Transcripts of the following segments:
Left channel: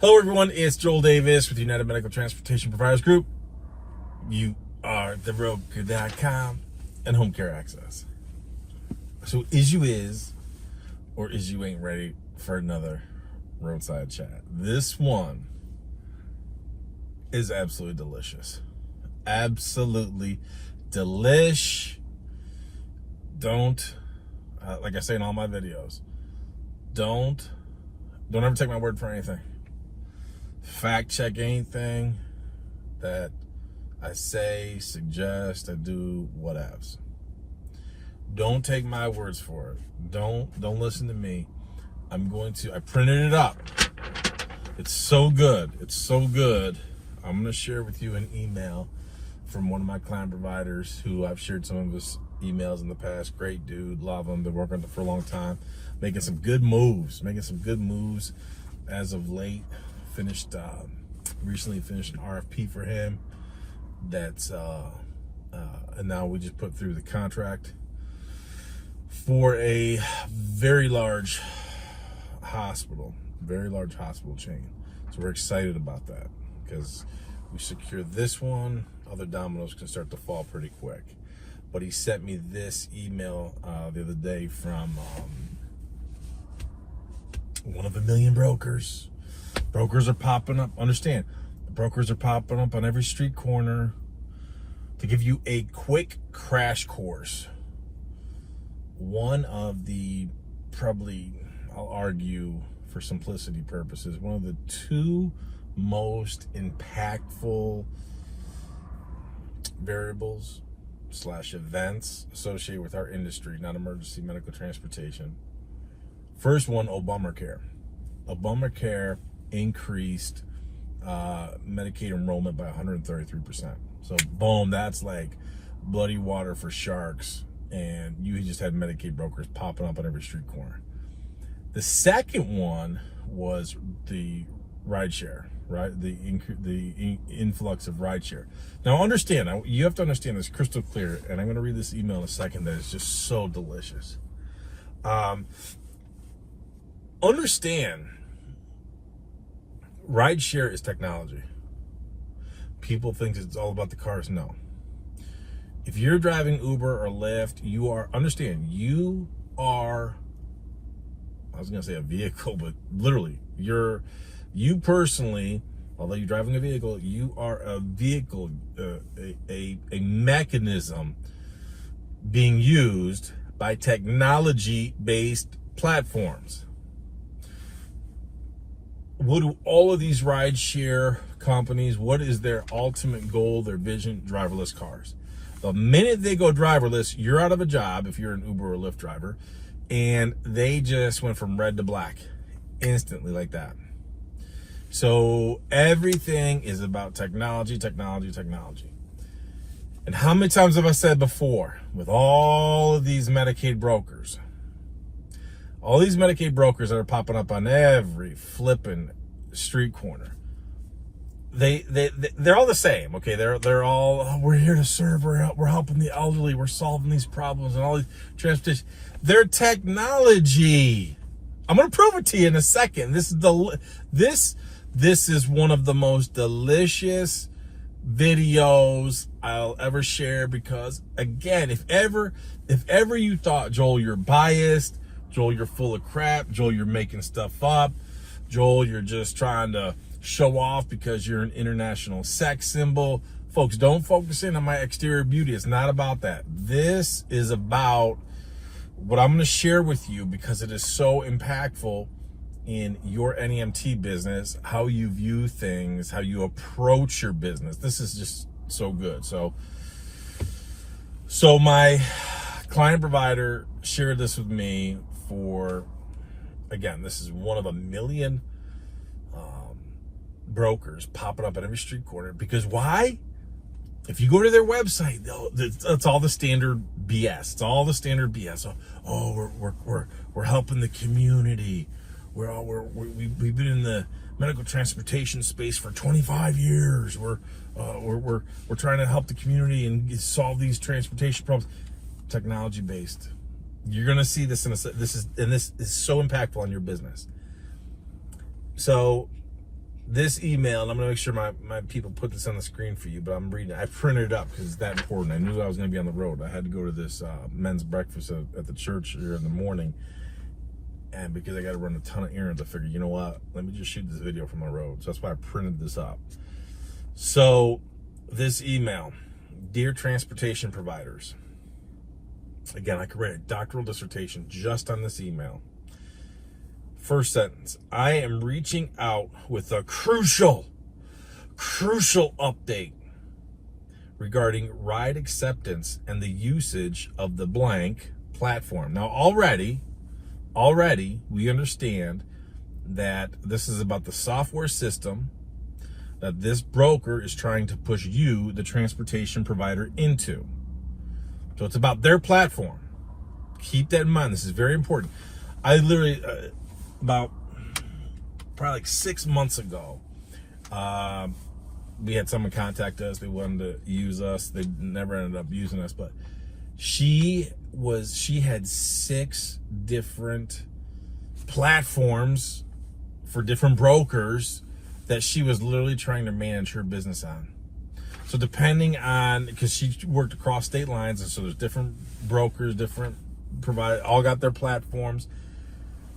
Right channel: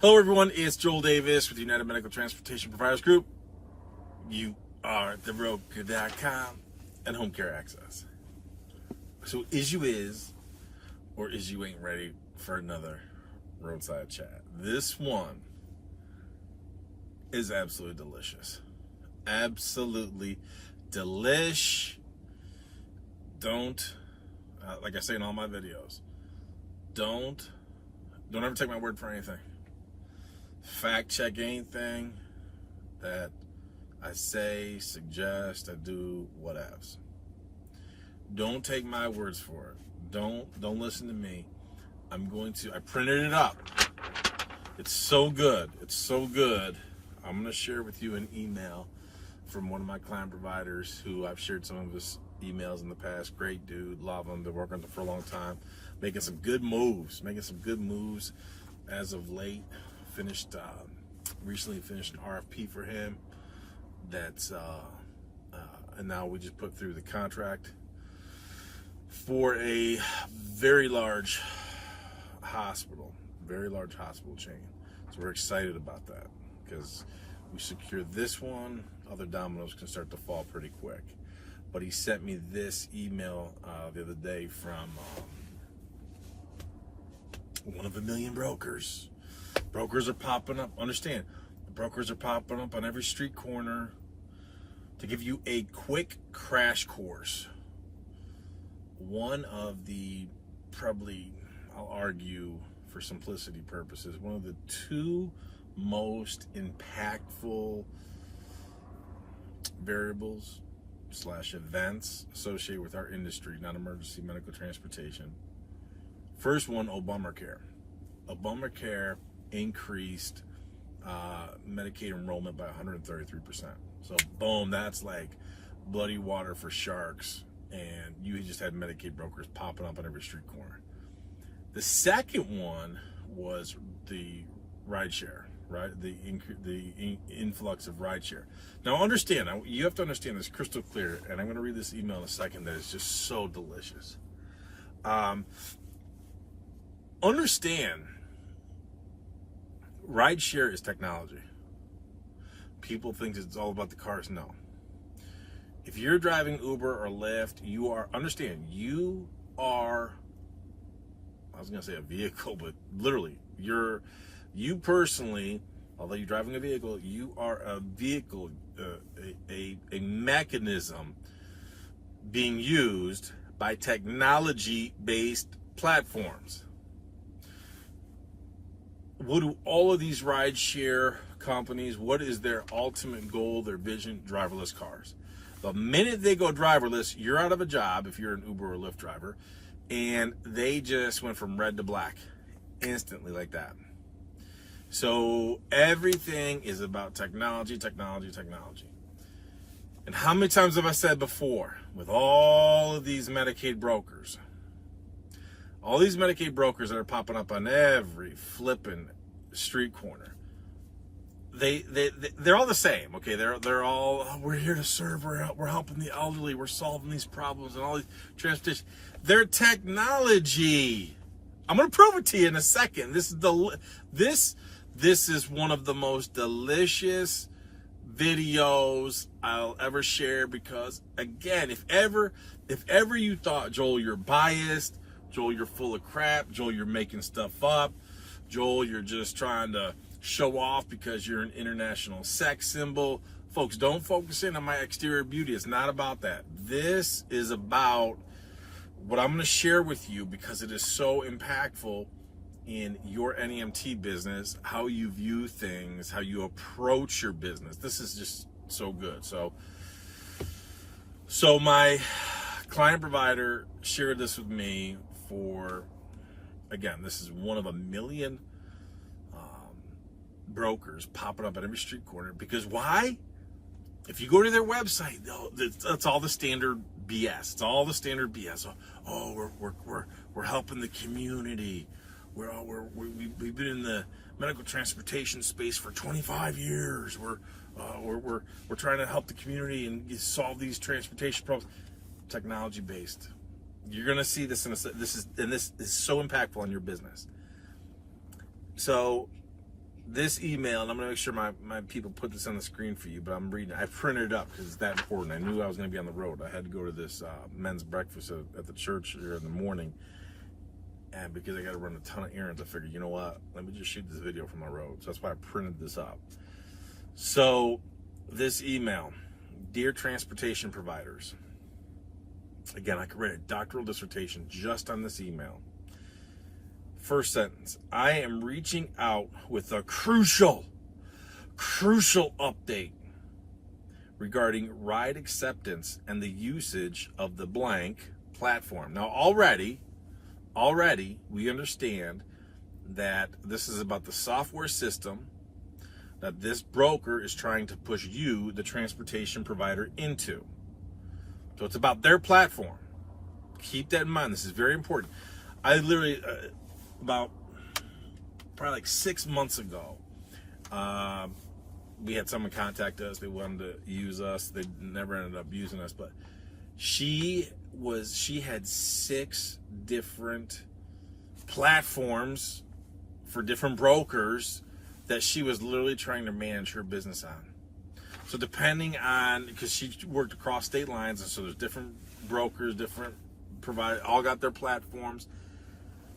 Hello everyone, it's Joel Davis with United Medical Transportation Providers Group. You are the roadcare.com and home care access. So is you is, or is you ain't ready for another roadside chat. This one is absolutely delicious. Absolutely delish. Don't, like I say in all my videos, don't ever take my word for anything. Fact check anything that I say, suggest, I do, whatevs. Don't take my words for it. Don't listen to me. I printed it up. It's so good. It's so good. I'm going to share with you an email from one of my client providers who I've shared some of his emails in the past. Great dude. Love him. Been working with him for a long time. Making some good moves as of late. Recently finished an RFP for him. And now we just put through the contract for a very large hospital chain. So we're excited about that because we secured this one. Other dominoes can start to fall pretty quick. But he sent me this email the other day from one of a million brokers. Brokers are popping up. Understand, the brokers are popping up on every street corner to give you a quick crash course. One of the, probably, I'll argue for simplicity purposes, one of the two most impactful variables / events associated with our industry, non-emergency medical transportation. First one, Obamacare. Obamacare increased Medicaid enrollment by 133%. So boom, that's like bloody water for sharks, and you just had Medicaid brokers popping up on every street corner. The second one was the rideshare, right? The influx of rideshare. Now understand, you have to understand this crystal clear, and I'm going to read this email in a second that is just so delicious. Understand, rideshare is technology. People think it's all about the cars. No. If you're driving Uber or Lyft, you are I was going to say a vehicle, but literally, you personally, although you're driving a vehicle, you are a vehicle, a mechanism being used by technology-based platforms. What do all of these rideshare companies, what is their ultimate goal, their vision? Driverless cars. The minute they go driverless, you're out of a job if you're an Uber or Lyft driver, and they just went from red to black instantly like that. So everything is about technology. And how many times have I said before, with all of these Medicaid brokers, that are popping up on every flipping street corner, they're all the same, okay? They're all, we're here to serve, we're helping the elderly, we're solving these problems and all these transportation. They're technology. I'm gonna prove it to you in a second. This is one of the most delicious videos I'll ever share, because again, if ever you thought, Joel, you're biased, Joel, you're full of crap, Joel, you're making stuff up, Joel, you're just trying to show off because you're an international sex symbol. Folks, don't focus in on my exterior beauty. It's not about that. This is about what I'm going to share with you, because it is so impactful in your NEMT business, how you view things, how you approach your business. This is just so good. So my client provider shared this with me for, again, this is one of a million brokers popping up at every street corner. Because why? If you go to their website, it's all the standard BS. It's all the standard BS. Oh, we're helping the community. We've been in the medical transportation space for 25 years. We're trying to help the community and solve these transportation problems. Technology based. You're gonna see this this is so impactful on your business. So this email, and I'm going to make sure my people put this on the screen for you, but I'm reading it. I printed it up because it's that important. I knew I was going to be on the road. I had to go to this men's breakfast at the church here in the morning. And because I got to run a ton of errands, I figured, you know what? Let me just shoot this video from the road. So that's why I printed this up. So this email, dear transportation providers. Again, I could write a doctoral dissertation just on this email. First sentence, I am reaching out with a crucial update regarding ride acceptance and the usage of the blank platform. Now, already, we understand that this is about the software system that this broker is trying to push you, the transportation provider, into. So it's about their platform. Keep that in mind. This is very important. I literally... about probably like 6 months ago, we had someone contact us. They wanted to use us. They never ended up using us, but she had 6 different platforms for different brokers that she was literally trying to manage her business on. So depending on, because she worked across state lines, and so there's different brokers, different providers, all got their platforms.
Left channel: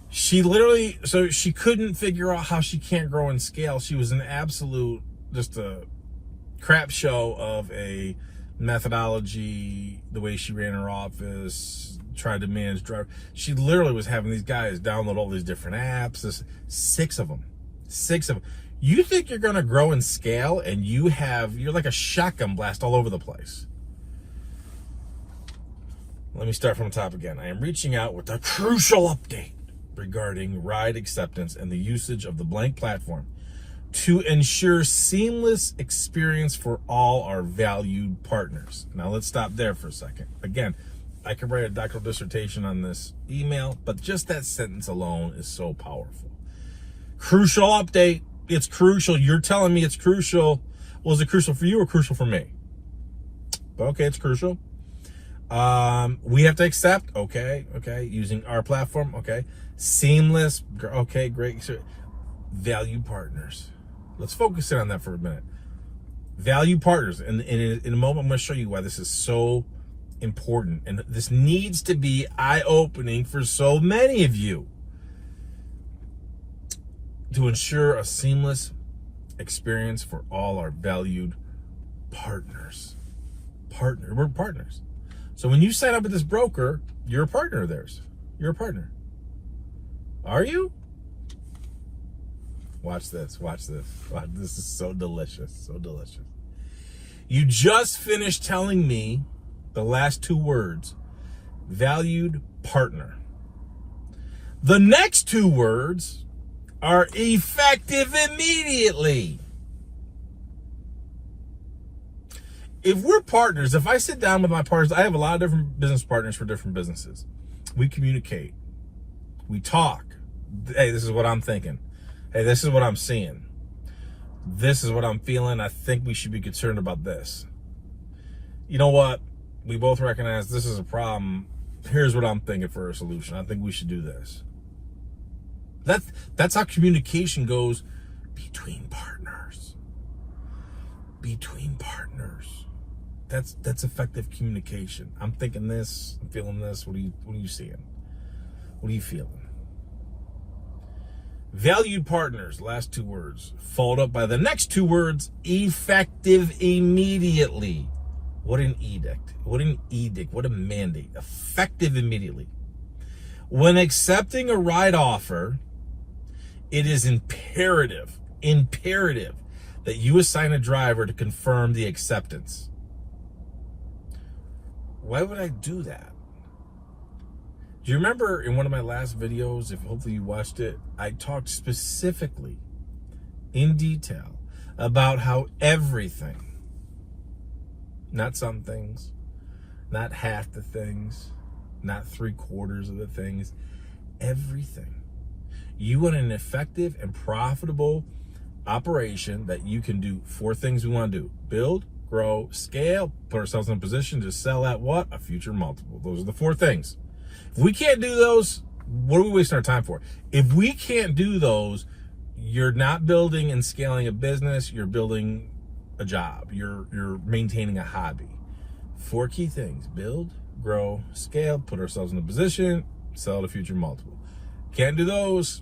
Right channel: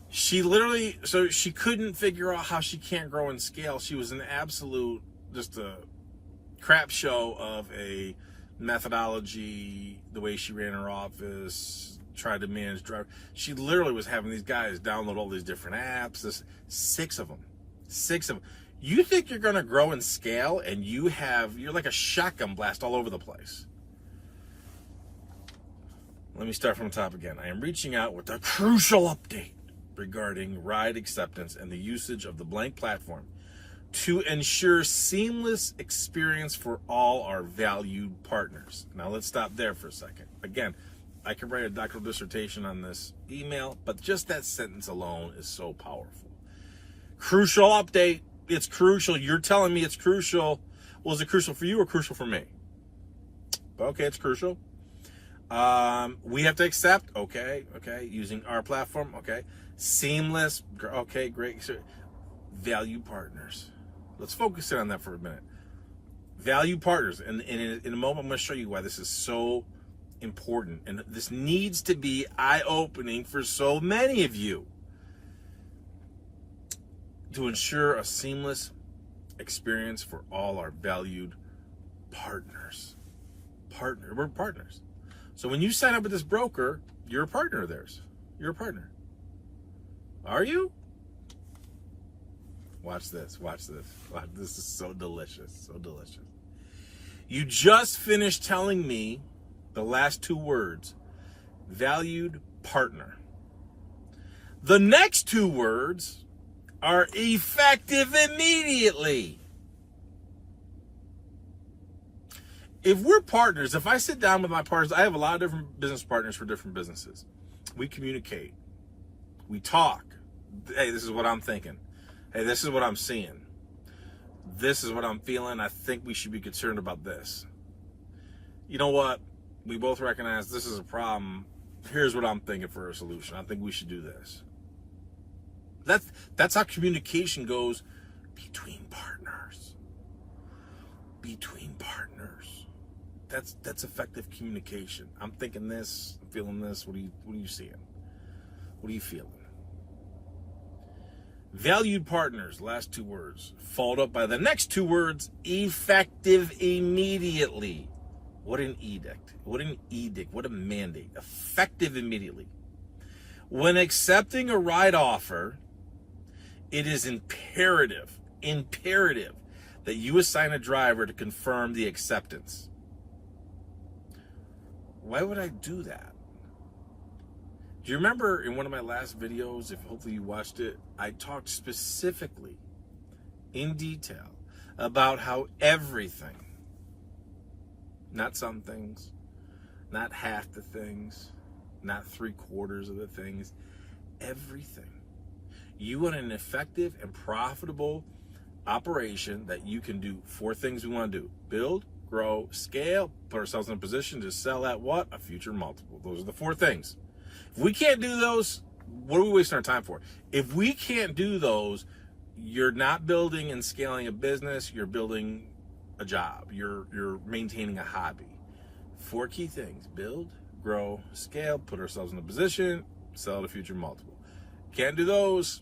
She literally, so she couldn't figure out how she can't grow and scale. She was an absolute, just a crap show of a methodology, the way she ran her office, tried to manage driver. She literally was having these guys download all these different apps. There's 6 of them. You think you're going to grow and scale, and you're like a shotgun blast all over the place. Let me start from the top again. I am reaching out with a crucial update regarding ride acceptance and the usage of the blank platform to ensure seamless experience for all our valued partners. Now let's stop there for a second. Again, I could write a doctoral dissertation on this email, but just that sentence alone is so powerful. Crucial update. It's crucial. You're telling me it's crucial. Well, is it crucial for you or crucial for me? Okay, it's crucial. We have to accept, okay, using our platform, okay. Seamless, okay, great. Value partners. Let's focus in on that for a minute. Value partners, and in a moment I'm going to show you why this is so important, and this needs to be eye-opening for so many of you, to ensure a seamless experience for all our valued partners. We're partners. So when you sign up with this broker, you're a partner of theirs. You're a partner. Are you? Watch this. This is so delicious. You just finished telling me the last 2 words, valued partner. The next 2 words are effective immediately. If we're partners, if I sit down with my partners, I have a lot of different business partners for different businesses. We communicate. We talk. Hey, this is what I'm thinking. Hey, this is what I'm seeing. This is what I'm feeling. I think we should be concerned about this. You know what? We both recognize this is a problem. Here's what I'm thinking for a solution. I think we should do this. That's how communication goes between partners. That's effective communication. I'm thinking this, I'm feeling this. What are you seeing? What are you feeling? Valued partners, last 2 words, followed up by the next 2 words, effective immediately. What an edict. What a mandate. Effective immediately. When accepting a ride offer, it is imperative that you assign a driver to confirm the acceptance. Why would I do that? Do you remember in one of my last videos, if hopefully you watched it, I talked specifically in detail about how everything, not some things, not half the things, not 3/4 of the things, everything. You want an effective and profitable operation that you can do 4 things we want to do: build, grow, scale, put ourselves in a position to sell at what? A future multiple. Those are the 4 things. If we can't do those, what are we wasting our time for? If we can't do those, You're not building and scaling a business, you're building a job. You're maintaining a hobby. 4 key things: build, grow, scale, put ourselves in a position, sell at a future multiple. Can't do those,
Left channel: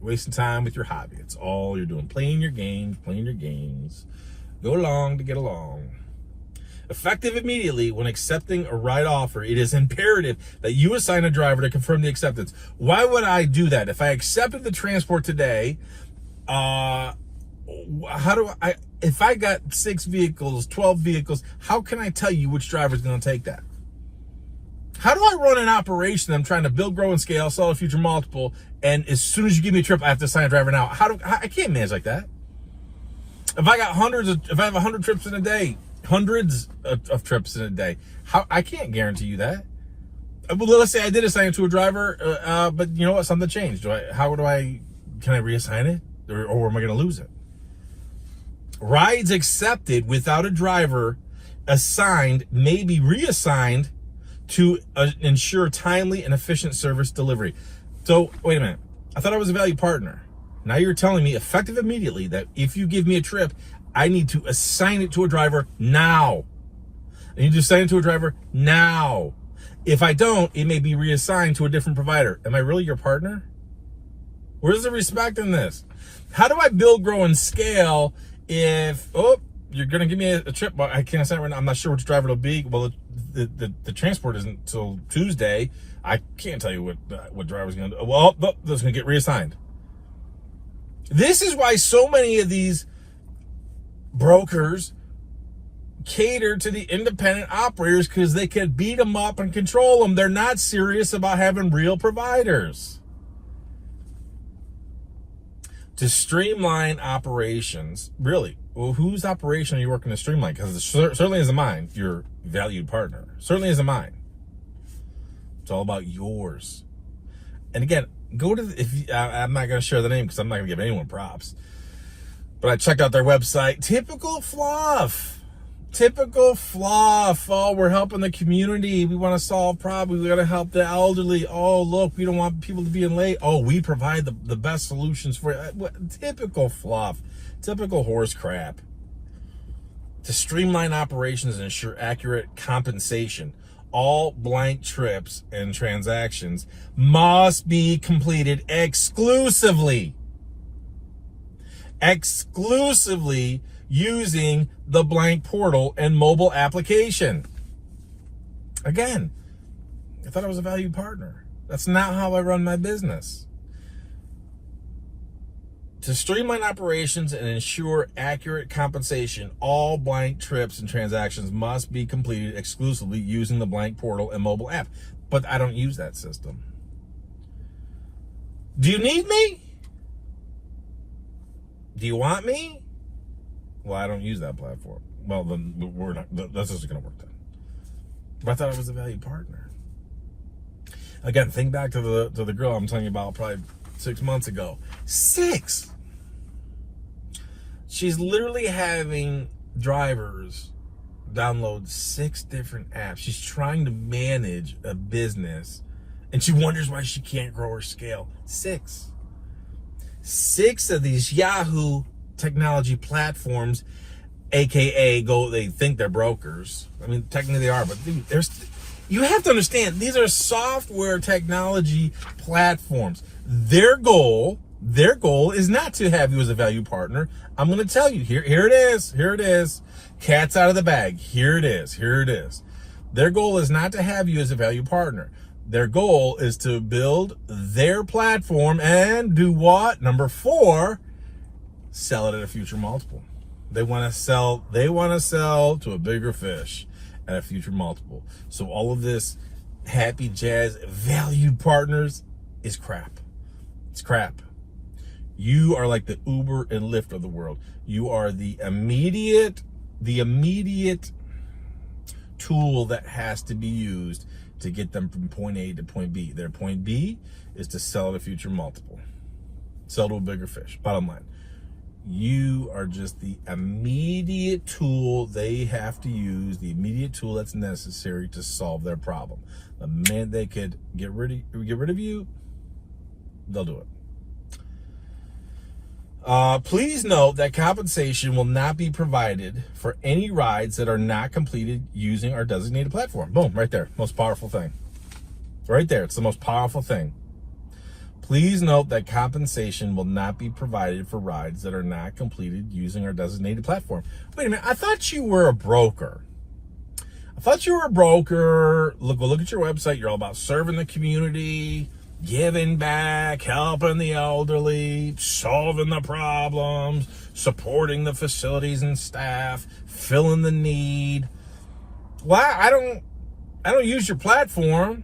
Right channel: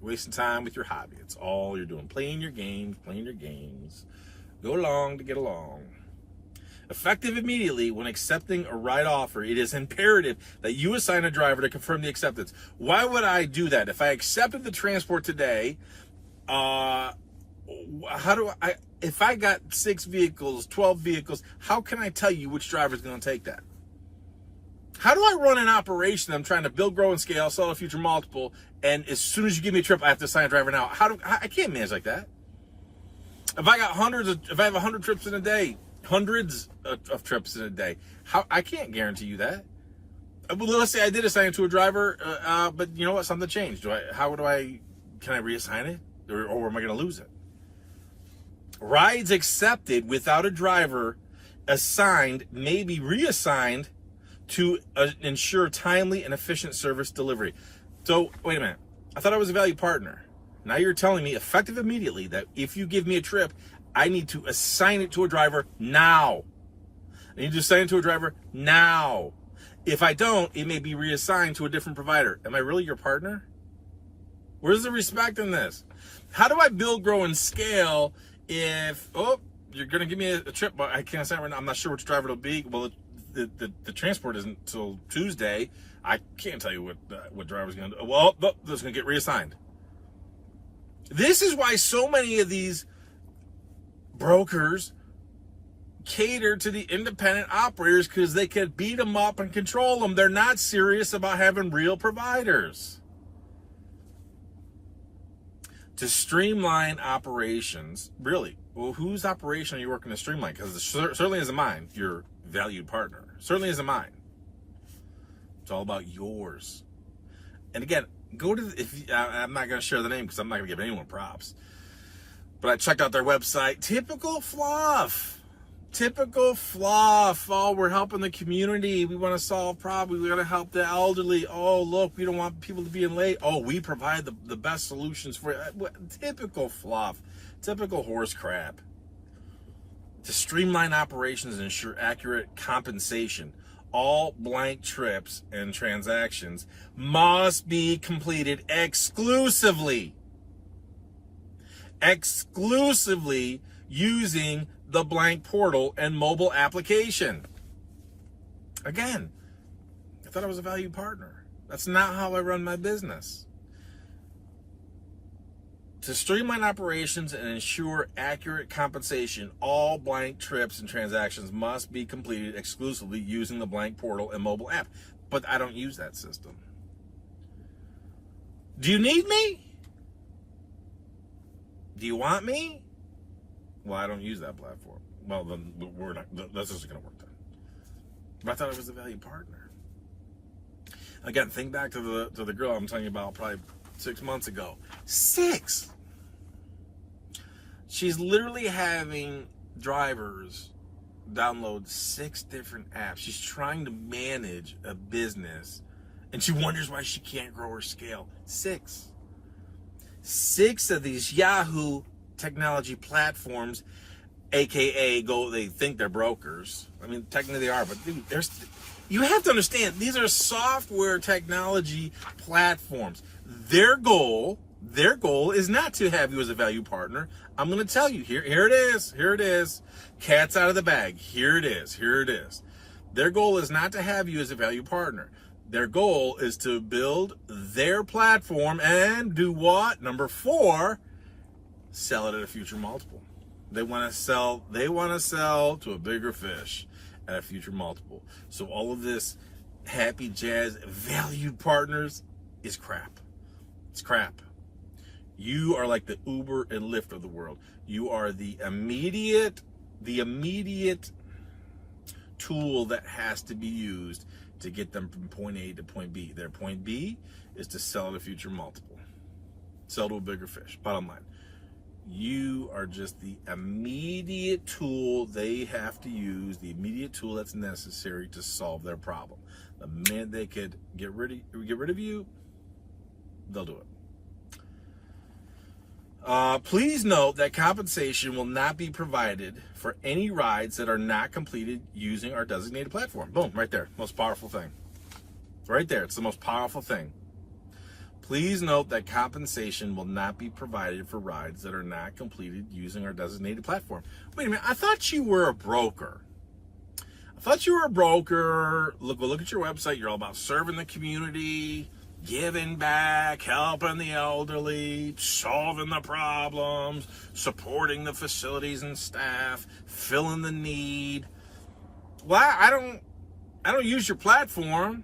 wasting time with your hobby. It's all you're doing. Playing your games. Go along to get along. Effective immediately. When accepting a ride offer, it is imperative that you assign a driver to confirm the acceptance. Why would I do that? If I accepted the transport today, if I got 6 vehicles, 12 vehicles, how can I tell you which driver is going to take that? How do I run an operation? I'm trying to build, grow, and scale, sell a future multiple, and as soon as you give me a trip, I have to assign a driver now. I can't manage like that. If I have 100 trips in a day, hundreds of trips in a day, I can't guarantee you that. Well, let's say I did assign it to a driver, but you know what? Something changed. Can I reassign it, or am I going to lose it? Rides accepted without a driver assigned may be reassigned to ensure timely and efficient service delivery. So, wait a minute. I thought I was a value partner. Now you're telling me effective immediately that if you give me a trip, I need to assign it to a driver now. I need to assign it to a driver now. If I don't, it may be reassigned to a different provider. Am I really your partner? Where's the respect in this? How do I build, grow, and scale if, you're going to give me a trip, but I can't assign it right now. I'm not sure which driver it'll be. Well, the transport isn't until Tuesday. I can't tell you what driver's going to do. Well, that's going to get reassigned. This is why so many of these brokers cater to the independent operators, because they can beat them up and control them. They're not serious about having real providers. To streamline operations, really, well, whose operation are you working to streamline? Because it certainly isn't mine, your valued partner. Certainly isn't mine. It's all about yours. And again, I'm not going to share the name because I'm not going to give anyone props. But I checked out their website. Typical fluff. Oh, we're helping the community. We want to solve problems. We got to help the elderly. Oh, look, we don't want people to be in late. Oh, we provide the best solutions for you. Typical fluff. Typical horse crap. To streamline operations and ensure accurate compensation, all blank trips and transactions must be completed exclusively using the blank portal and mobile application. Again, I thought I was a valued partner. That's not how I run my business. To streamline operations and ensure accurate compensation, all blank trips and transactions must be completed exclusively using the blank portal and mobile app. But I don't use that system. Do you need me? Do you want me? Well, I don't use that platform. Well, then that's just going to work then. But I thought I was a valued partner. Again, think back to the girl I'm telling you about probably 6 months ago. 6. She's literally having drivers download 6 different apps. She's trying to manage a business, and she wonders why she can't grow or scale. 6 of these Yahoo technology platforms, aka they think they're brokers. I mean, technically they are, but you have to understand, these are software technology platforms. Their goal is not to have you as a value partner. I'm going to tell you, here it is. Cat's out of the bag. Here it is. Their goal is not to have you as a value partner. Their goal is to build their platform and do what? Number 4, sell it at a future multiple. They want to sell to a bigger fish at a future multiple. So all of this happy jazz valued partners is crap. It's crap. You are like the Uber and Lyft of the world. You are the immediate tool that has to be used to get them from point A to point B. Their point B is to sell at a future multiple. Sell to a bigger fish. Bottom line. You are just the immediate tool they have to use, the immediate tool that's necessary to solve their problem. The minute they could get rid of you, they'll do it. Please note that compensation will not be provided for any rides that are not completed using our designated platform. Boom, right there. Most powerful thing. Right there. It's the most powerful thing. Please note that compensation will not be provided for rides that are not completed using our designated platform. Wait a minute. I thought you were a broker. Look at your website. You're all about serving the community, giving back, helping the elderly, solving the problems, supporting the facilities and staff, filling the need. Well, I don't use your platform.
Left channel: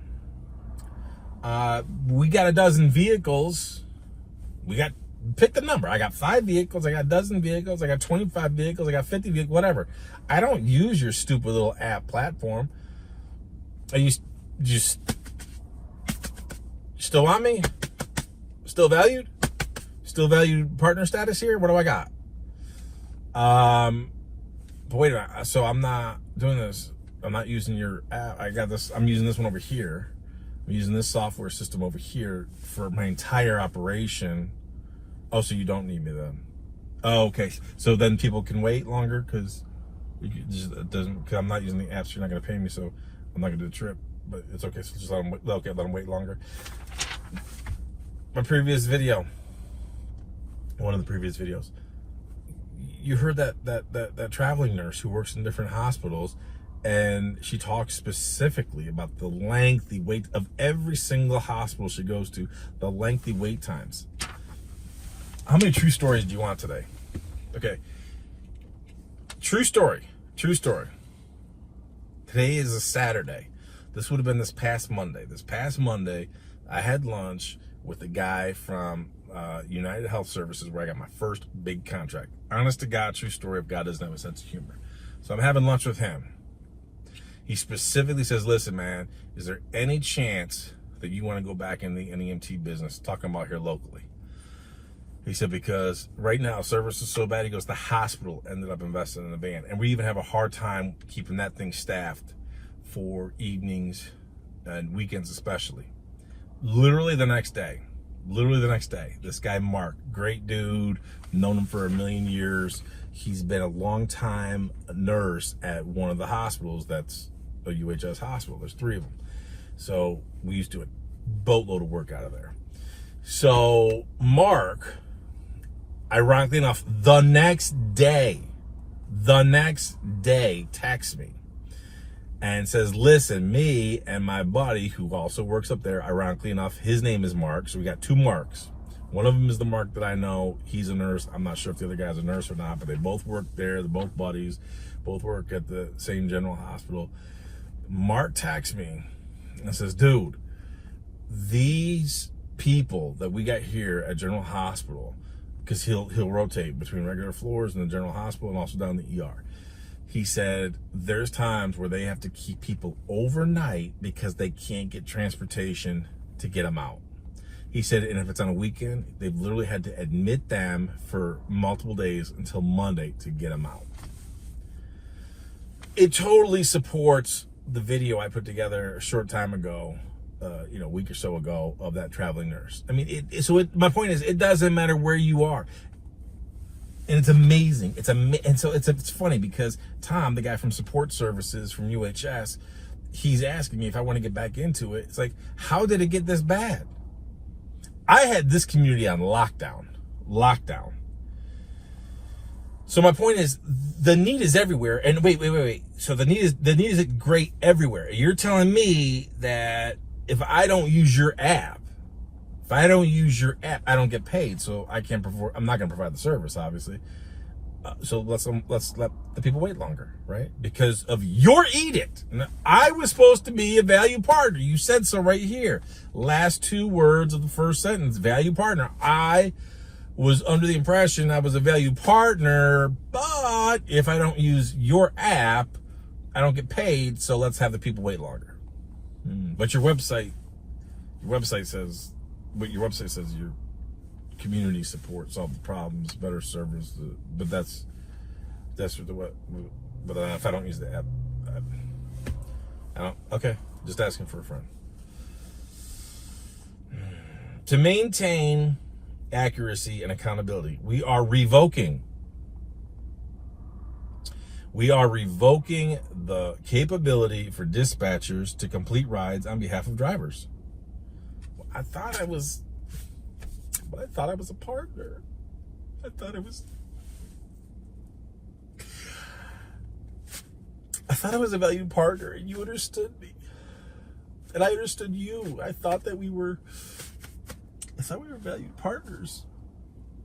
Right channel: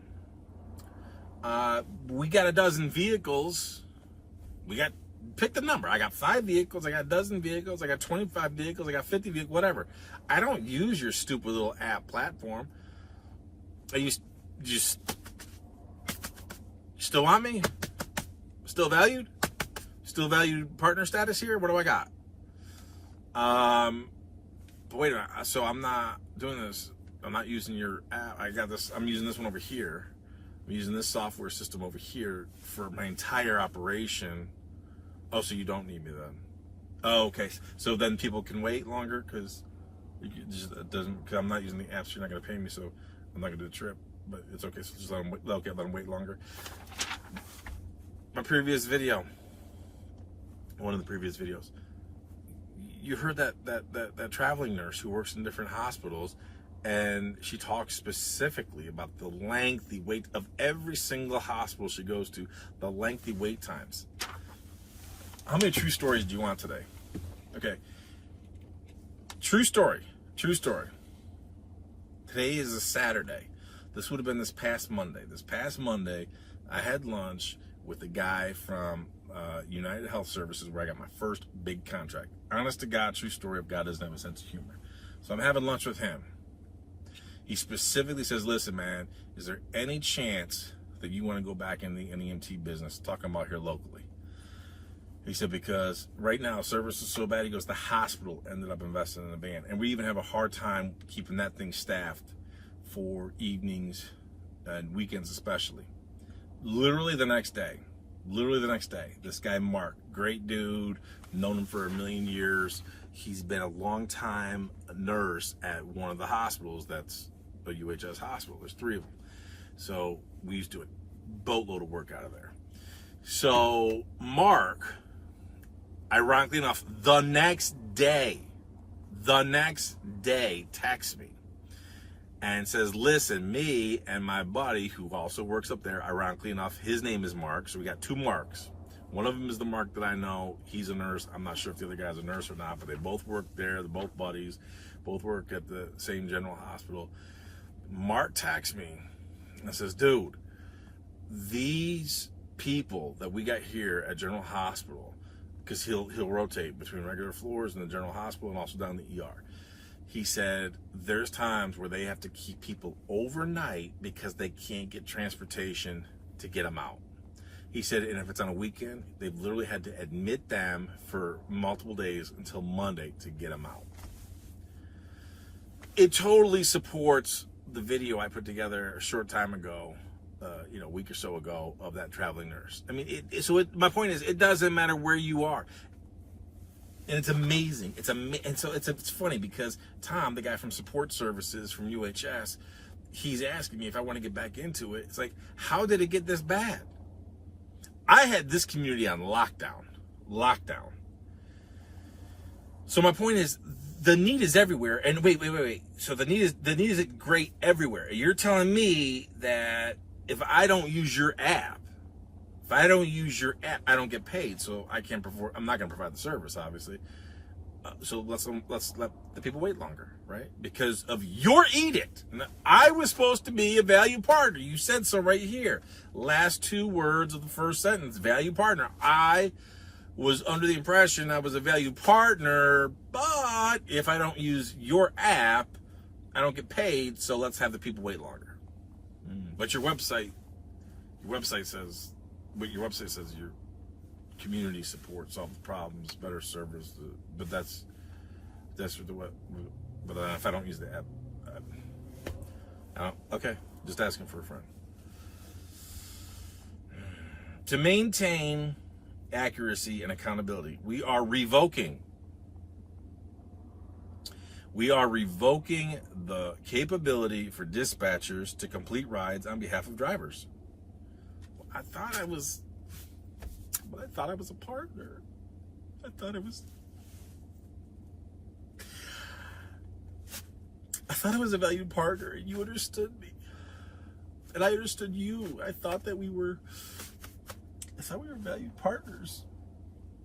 We got a dozen vehicles. Pick the number. I got 5 vehicles. I got a dozen vehicles. I got 25 vehicles. I got 50 vehicles, whatever. I don't use your stupid little app platform. Are you just still on me? Still valued? Still valued partner status here? What do I got? But wait a minute. So I'm not doing this. I'm not using your app. I got this. I'm using this one over here. I'm using this software system over here for my entire operation. Oh, so you don't need me then? Oh, okay. So then people can wait longer because I'm not using the apps. You're not going to pay me, so I'm not going to do the trip. But it's okay. So just let them wait longer. My previous video, one of the previous videos, you heard that traveling nurse who works in different hospitals, and she talks specifically about the lengthy wait of every single hospital she goes to, the lengthy wait times. How many true stories do you want today? Okay. True story. Today is a Saturday. This would have been this past Monday. I had lunch with a guy from United Health Services where I got my first big contract. Honest to God, true story of God doesn't have a sense of humor. So I'm having lunch with him. He specifically says, listen, man, is there any chance that you want to go back in the NEMT business, talking about here locally? He said, because right now service is so bad. He goes, the hospital ended up investing in the van. And we even have a hard time keeping that thing staffed for evenings and weekends especially. Literally the next day, this guy, Mark, great dude, known him for a million years. He's been a long time nurse at one of the hospitals that's a UHS hospital. There's 3 of them. So we used to do a boatload of work out of there. So Mark, ironically enough, the next day, texts me and says, listen, me and my buddy who also works up there, ironically enough, his name is Mark. So we got 2 Marks. One of them is the Mark that I know. He's a nurse. I'm not sure if the other guy's a nurse or not, but they both work there. They're both buddies, both work at the same general hospital. Mark texts me and says, dude, these people that we got here at General Hospital, because he'll rotate between regular floors in the General Hospital and also down the ER. He said there's times where they have to keep people overnight because they can't get transportation to get them out. He said, and if it's on a weekend, they've literally had to admit them for multiple days until Monday to get them out. It totally supports the video I put together a short time ago, a week or so ago, of that traveling nurse. I mean, my point is, it doesn't matter where you are. And it's amazing. It's funny because Tom, the guy from support services from UHS, he's asking me if I want to get back into it. It's like, how did it get this bad? I had this community on lockdown. So my point is, the need is everywhere. And wait. So the need is great everywhere. You're telling me that if I don't use your app, I don't get paid. So I'm not going to provide the service, obviously. So let's let the people wait longer, right? Because of your edict. I was supposed to be a value partner. You said so right here. Last 2 words of the first sentence, value partner. I was under the impression I was a value partner, but if I don't use your app, I don't get paid. So let's have the people wait longer. But your website says your community support, solve the problems, better service. But that's what. But if I don't use the app, I don't. Okay, just asking for a friend. To maintain accuracy, and accountability. We are revoking the capability for dispatchers to complete rides on behalf of drivers. I thought I was a partner. I thought I was a valued partner, and you understood me. And I understood you. I thought we were valued partners.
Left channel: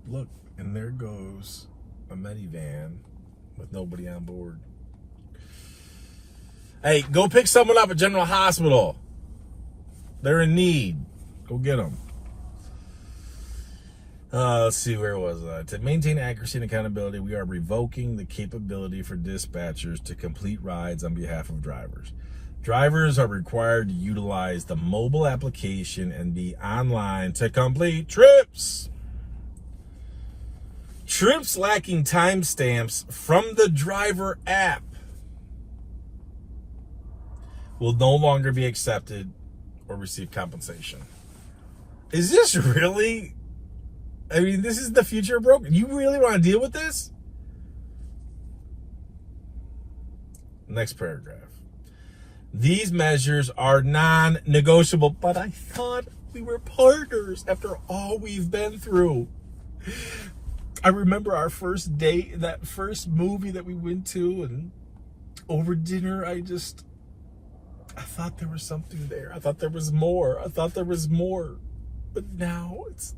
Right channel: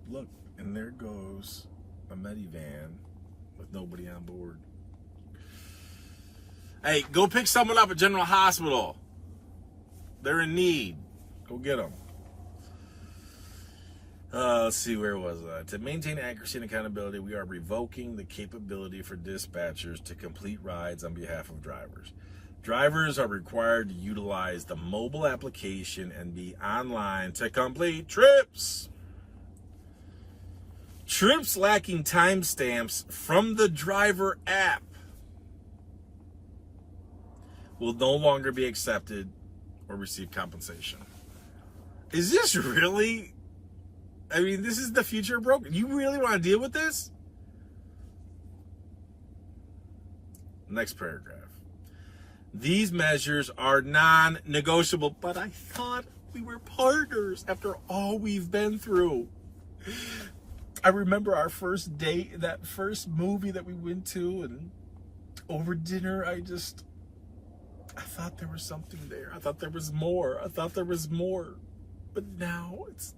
Look, and there goes a minivan with nobody on board. Hey, go pick someone up at General Hospital. They're in need. Go get them. Let's see, where was I? To maintain accuracy and accountability, we are revoking the capability for dispatchers to complete rides on behalf of drivers. Drivers are required to utilize the mobile application and be online to complete trips. Trips lacking timestamps from the driver app will no longer be accepted or receive compensation. Is this really? I mean, this is the future of broker. You really want to deal with this? Next paragraph. These measures are non-negotiable, but I thought we were partners after all we've been through. I remember our first date, that first movie that we went to, and over dinner, I thought there was something there. I thought there was more. But now it's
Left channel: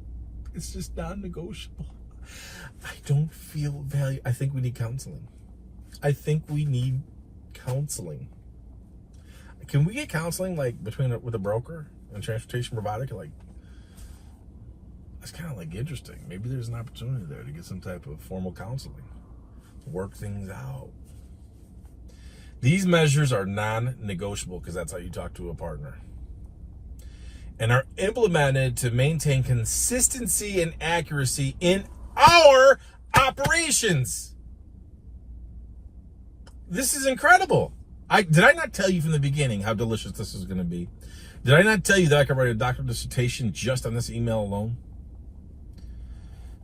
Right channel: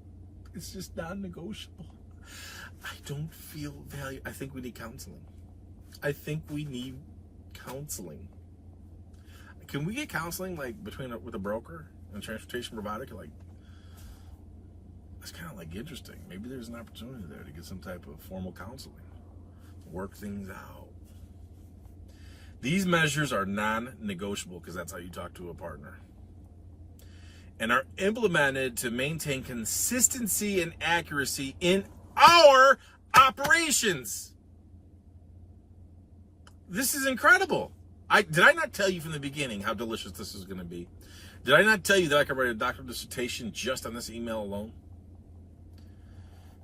just non-negotiable. I don't feel value. I think we need counseling. Can we get counseling like with a broker and transportation provider? Like, that's kind of like interesting. Maybe there's an opportunity there to get some type of formal counseling, work things out. These measures are non-negotiable because that's how you talk to a partner, and are implemented to maintain consistency and accuracy in our operations. This is incredible. Did I not tell you from the beginning how delicious this is going to be? Did I not tell you that I could write a doctoral dissertation just on this email alone?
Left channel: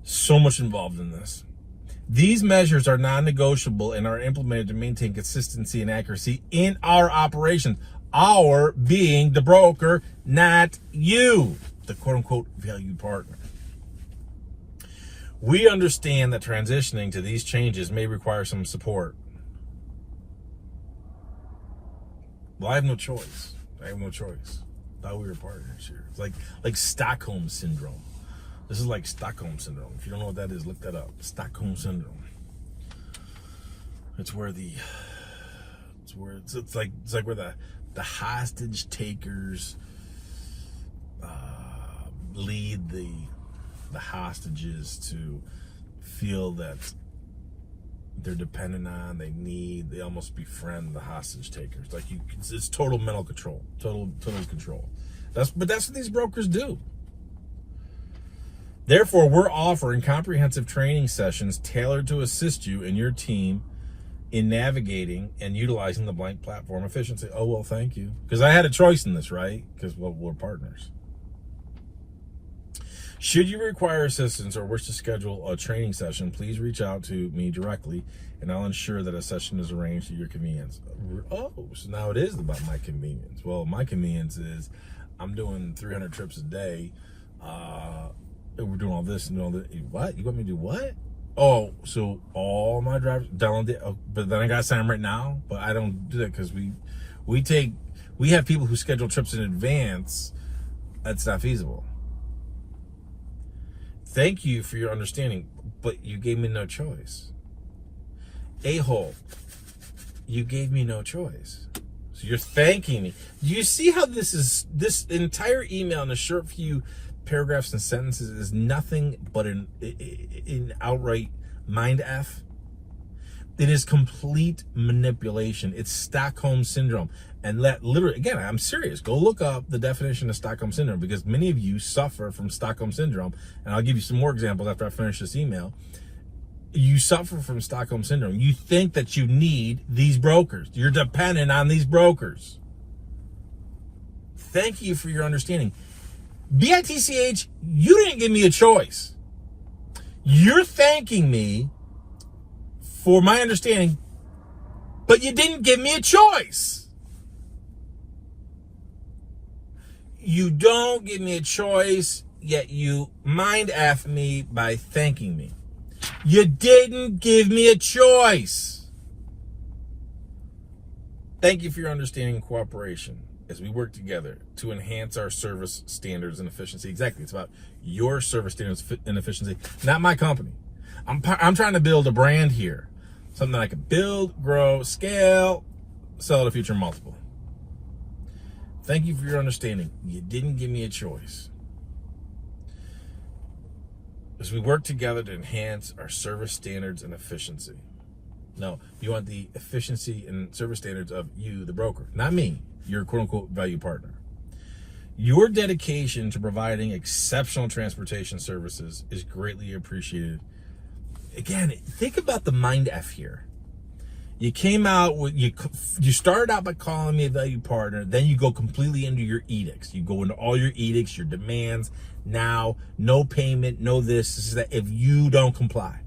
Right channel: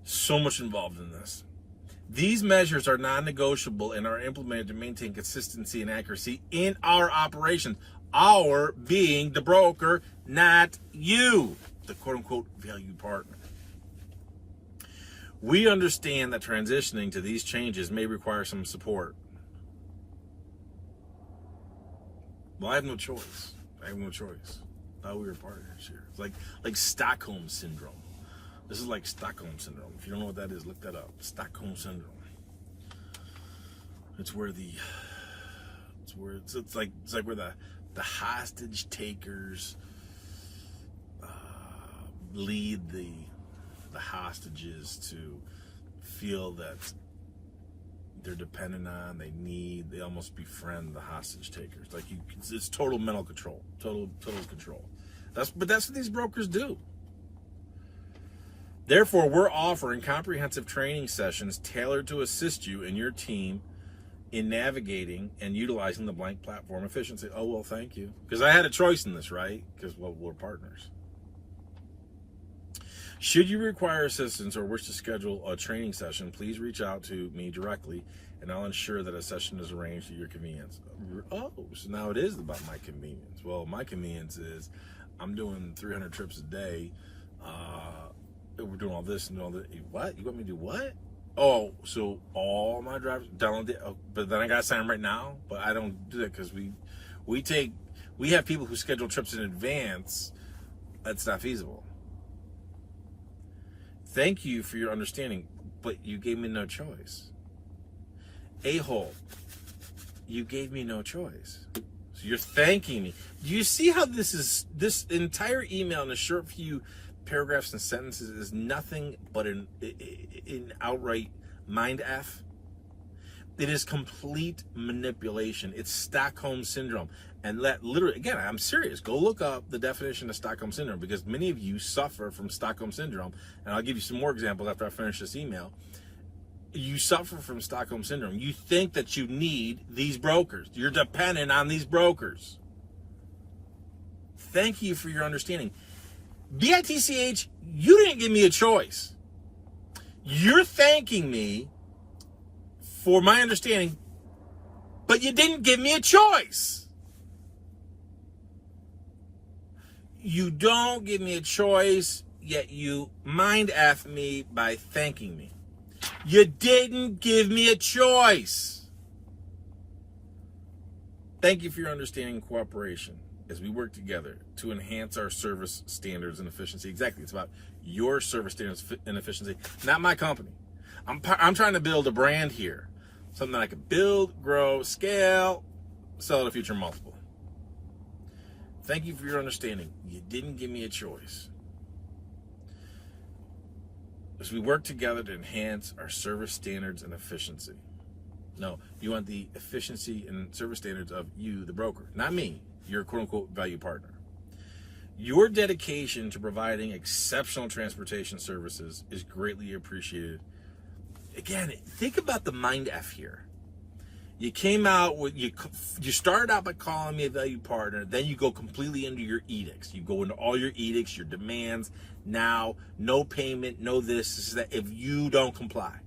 So much involved in this. These measures are non-negotiable and are implemented to maintain consistency and accuracy in our operations. Our being the broker, not you, the quote-unquote valued partner. We understand that transitioning to these changes may require some support. Well, I have no choice. Thought we were partners here. It's like Stockholm syndrome. This is like Stockholm syndrome. If you don't know what that is, look that up. Stockholm syndrome. It's where the hostage takers lead the hostages to feel that they're dependent on, they almost befriend the hostage takers. Like it's total mental control, total control. But that's what these brokers do. Therefore, we're offering comprehensive training sessions tailored to assist you and your team in navigating and utilizing the blank platform efficiently. Oh, well, thank you. Because I had a choice in this, right? Because, well, we're partners. Should you require assistance or wish to schedule a training session, please reach out to me directly, and I'll ensure that a session is arranged at your convenience. Oh, so now it is about my convenience. Well, my convenience is I'm doing 300 trips a day. We're doing all this and all that. What? You want me to do what? Oh, so all my drivers download it, but then I got to sign them right now. But I don't do that because we have people who schedule trips in advance. That's not feasible. Thank you for your understanding, but you gave me no choice. A-hole, you gave me no choice. So you're thanking me. Do you see how this entire email in a short few paragraphs and sentences is nothing but an outright mind F? It is complete manipulation. It's Stockholm syndrome. And literally, again, I'm serious. Go look up the definition of Stockholm syndrome, because many of you suffer from Stockholm syndrome. And I'll give you some more examples after I finish this email. You suffer from Stockholm syndrome. You think that you need these brokers. You're dependent on these brokers. Thank you for your understanding. BITCH, you didn't give me a choice. You're thanking me for my understanding, but you didn't give me a choice. You don't give me a choice, yet you mind F me by thanking me. You didn't give me a choice. Thank you for your understanding and cooperation as we work together to enhance our service standards and efficiency. Exactly. It's about your service standards and efficiency, not my company. I'm trying to build a brand here. Something that I can build, grow, scale, sell at a future multiple. Thank you for your understanding. You didn't give me a choice. As we work together to enhance our service standards and efficiency. No, you want the efficiency and service standards of you, the broker, not me, your quote-unquote value partner. Your dedication to providing exceptional transportation services is greatly appreciated. Again, think about the mind F here. You came out with, you started out by calling me a value partner, then you go completely into your edicts. You go into all your edicts, your demands. Now, no payment, no this is that, if you don't comply.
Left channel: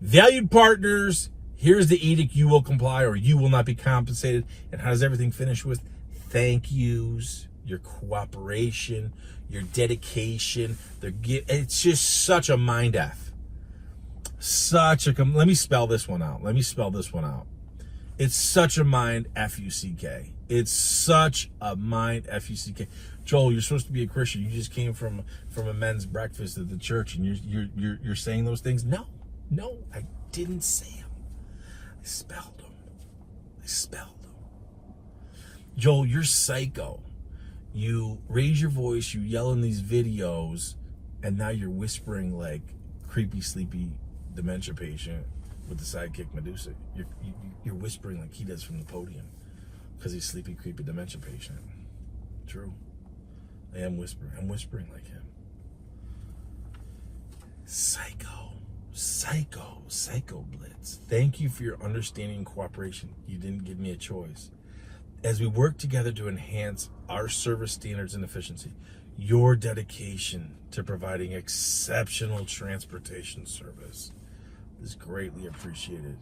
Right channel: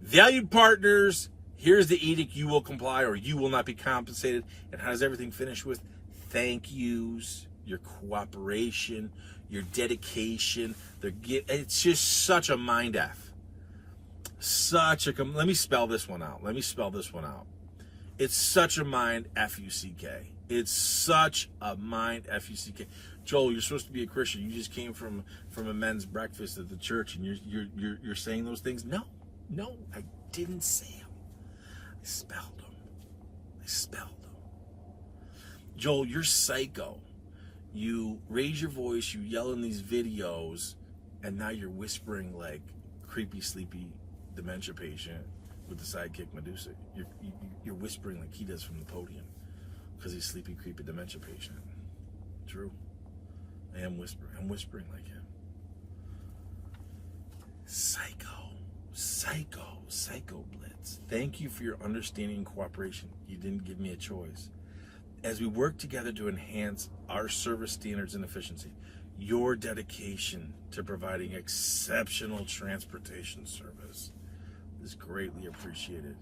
Valued partners, here's the edict, you will comply or you will not be compensated. And how does everything finish with? Thank yous, your cooperation, your dedication. It's just such a mind F. Let me spell this one out. It's such a mind F-U-C-K. It's such a mind F-U-C-K. Joel, you're supposed to be a Christian. You just came from a men's breakfast at the church, and you're saying those things. No, I didn't say them. I spelled them. Joel, you're psycho. You raise your voice, you yell in these videos, and now you're whispering like creepy, sleepy dementia patient with the sidekick Medusa. You're whispering like he does from the podium because he's sleepy, creepy dementia patient. True. I am whispering. I'm whispering like him. Psycho Blitz. Thank you for your understanding and cooperation. You didn't give me a choice. As we work together to enhance our service standards and efficiency, your dedication to providing exceptional transportation service is greatly appreciated.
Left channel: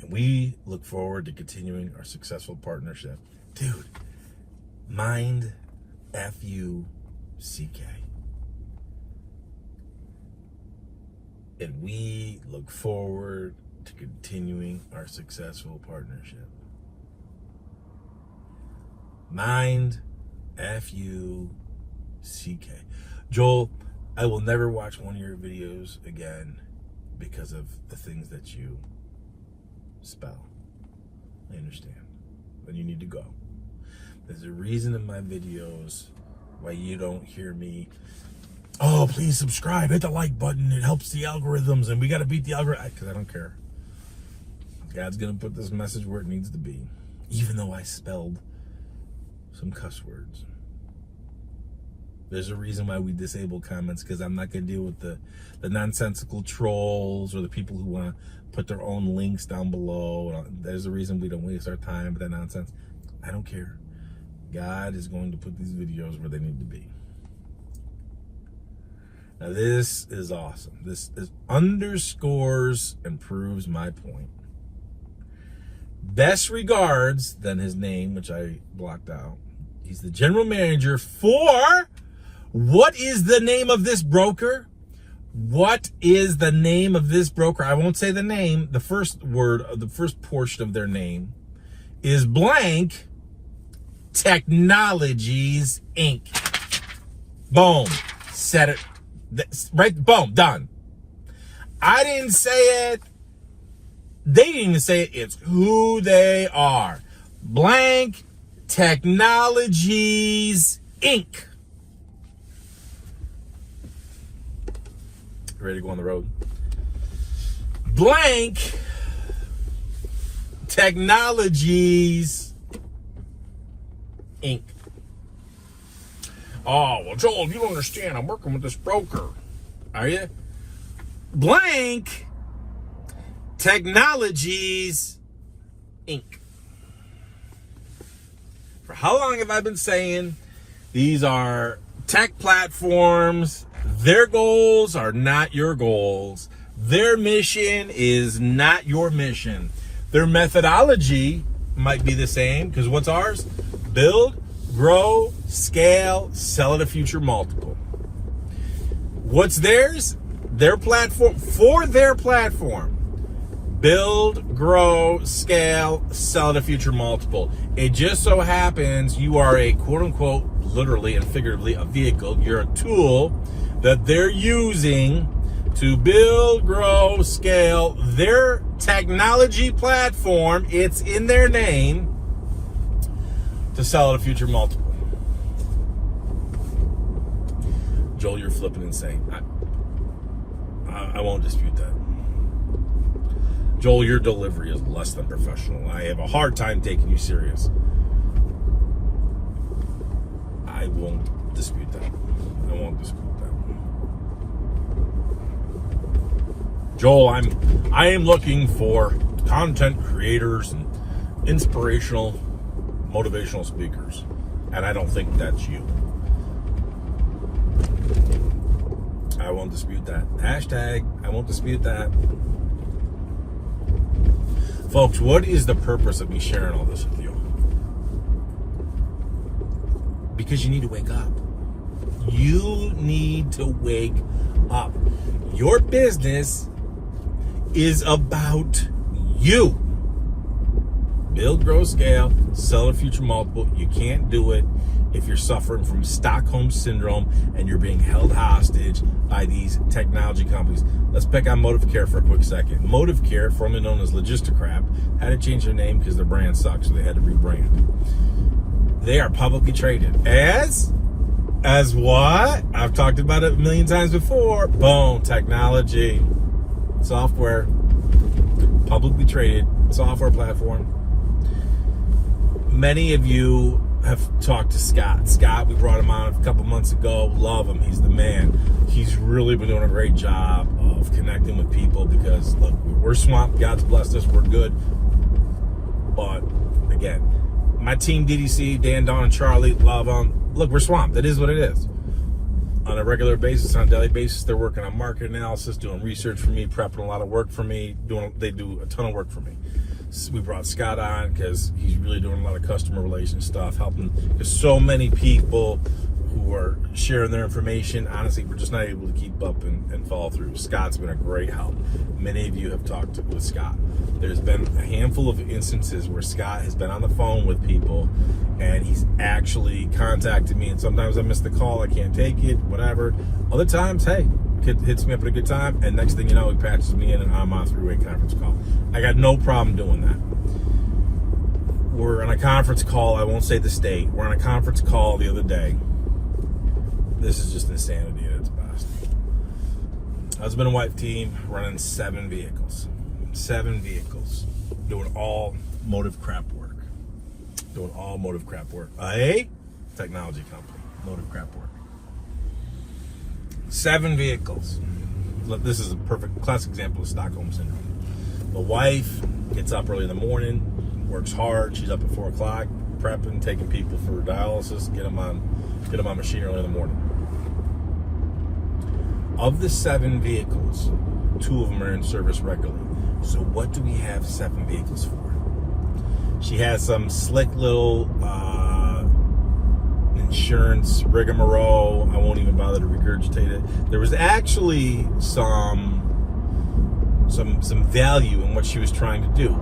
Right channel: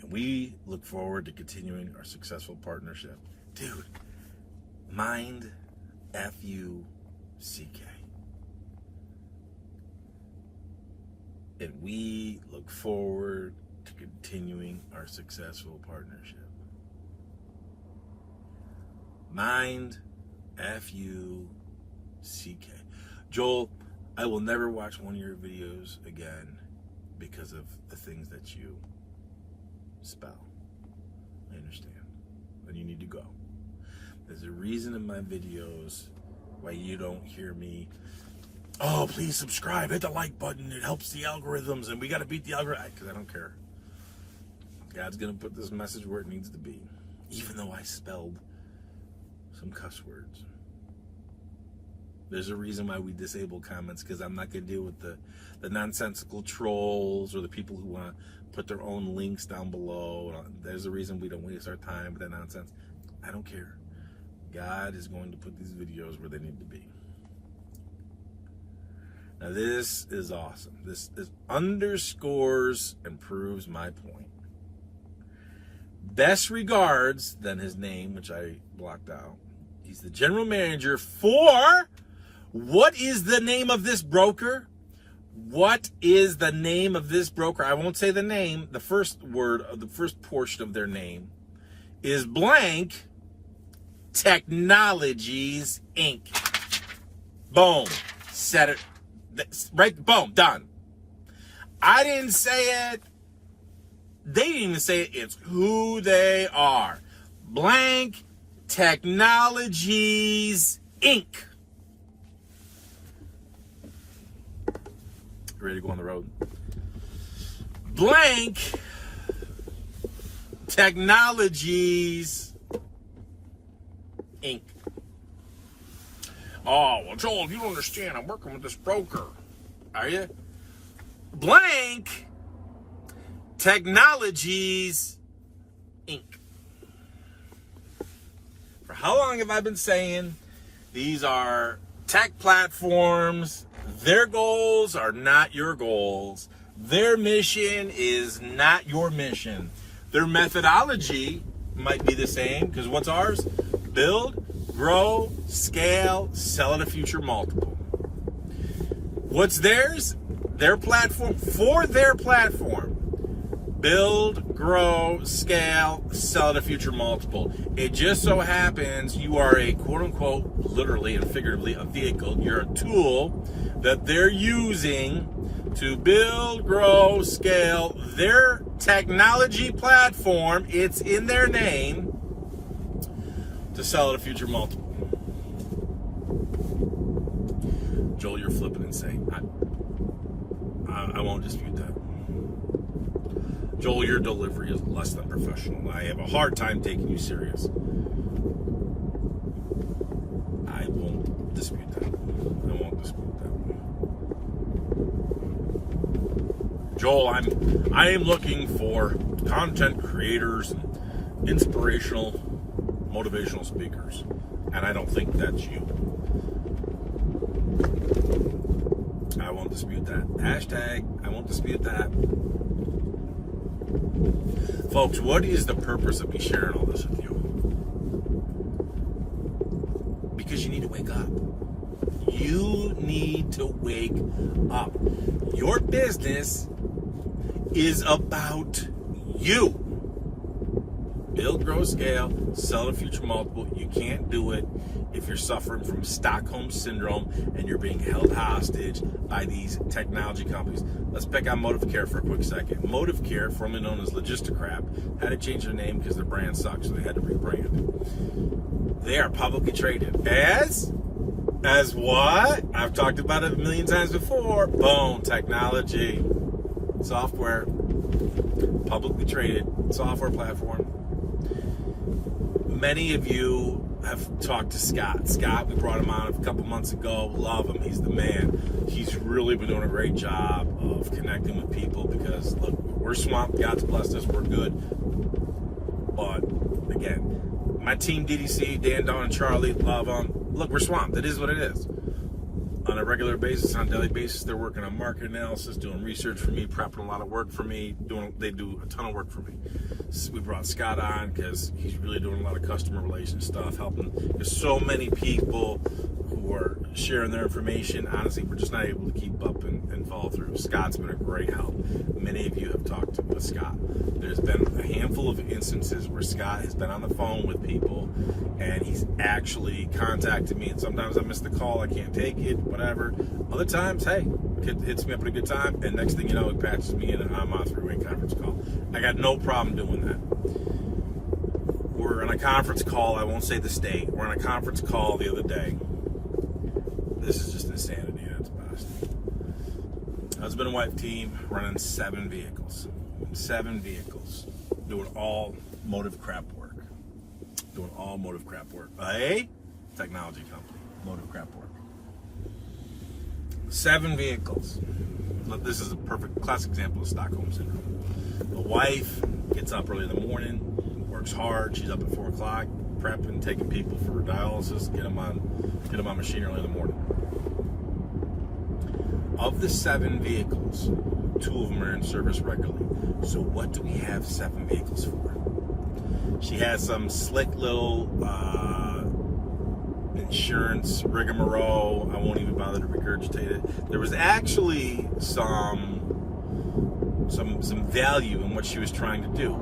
And we look forward to continuing our successful partnership. Dude, mind F-U-C-K. And we look forward to continuing our successful partnership. Mind F-U-C-K. Joel, I will never watch one of your videos again because of the things that you spell. I understand. But you need to go. There's a reason in my videos why you don't hear me, oh, please subscribe, hit the like button, it helps the algorithms, and we got to beat the algorithm, because I don't care. God's going to put this message where it needs to be, even though I spelled some cuss words. There's a reason why we disable comments, because I'm not going to deal with the nonsensical trolls or the people who want to put their own links down below. There's a reason we don't waste our time with that nonsense. I don't care. God is going to put these videos where they need to be. Now this is awesome. This underscores and proves my point. Best regards, then his name, which I blocked out. He's the general manager for, what is the name of this broker? What is the name of this broker? I won't say the name. The first word, the first portion of their name is blank Technologies, Inc. Boom. Said it. Right? Boom. Done. I didn't say it. They didn't even say it. It's who they are. Blank Technologies, Inc. Ready to go on the road? Blank Technologies, Inc. Oh, well, Joel, you don't understand. I'm working with this broker. Are you? Blank Technologies, Inc. For how long have I been saying These are tech platforms. Their goals are not your goals. Their mission is not your mission. Their methodology might be the same, because what's ours? Build, grow, scale, sell at a future multiple. What's theirs? Their platform, for their platform. Build, grow, scale, sell at a future multiple. It just so happens you are a quote unquote, literally and figuratively, a vehicle. You're a tool that they're using to build, grow, scale their technology platform. It's in their name, to sell at a future multiple. Joel, you're flipping insane. I won't dispute that. Joel, your delivery is less than professional. I have a hard time taking you serious. I won't dispute that. I won't dispute that. Joel, I am looking for content creators and inspirational, motivational speakers, and I don't think that's you. I won't dispute that. Hashtag, I won't dispute that. Folks, what is the purpose of me sharing all this with you? Because you need to wake up. You need to wake up. Your business is about you. Build, grow, scale, sell a future multiple. You can't do it if you're suffering from Stockholm syndrome and you're being held hostage by these technology companies. Let's pick on Motive Care for a quick second. Motive Care, formerly known as Logisticrap, had to change their name because their brand sucks, so they had to rebrand. They are publicly traded as what? I've talked about it a million times before. Boom, technology, software, publicly traded software platform. Many of you have talked to Scott. Scott, we brought him on a couple months ago. Love him. He's the man. He's really been doing a great job of connecting with people because, look, we're swamped. God's blessed us. We're good. But, again, my team, DDC, Dan, Don, and Charlie, love them. Look, we're swamped. It is what it is. On a regular basis, on a daily basis, they're working on market analysis, doing research for me, prepping a lot of work for me. They do a ton of work for me. We brought Scott on because he's really doing a lot of customer relations stuff, helping, because so many people who are sharing their information, honestly, we're just not able to keep up and follow through. Scott's been a great help. Many of you have talked with Scott. There's been a handful of instances where Scott has been on the phone with people and he's actually contacted me, and sometimes I miss the call, I can't take it, whatever. Other times, hey, kid hits me up at a good time, and next thing you know, he patches me in and I'm on a three-way conference call. I got no problem doing that. We're on a conference call, I won't say the state, we're on a conference call the other day. This is just insanity at its best. Husband and wife team running 7 vehicles. 7 vehicles. Doing all Motive crap work. Doing all Motive crap work. A technology company. Motive crap work. 7 vehicles. This is a perfect classic example of Stockholm syndrome. The wife gets up early in the morning, works hard. She's up at 4 o'clock, prepping, taking people for dialysis, get them on machine early in the morning. Of the 7 vehicles, 2 of them are in service regularly. So what do we have 7 vehicles for? She has some slick little insurance rigmarole. I won't even bother to regurgitate it. There was actually some value in what she was trying to do.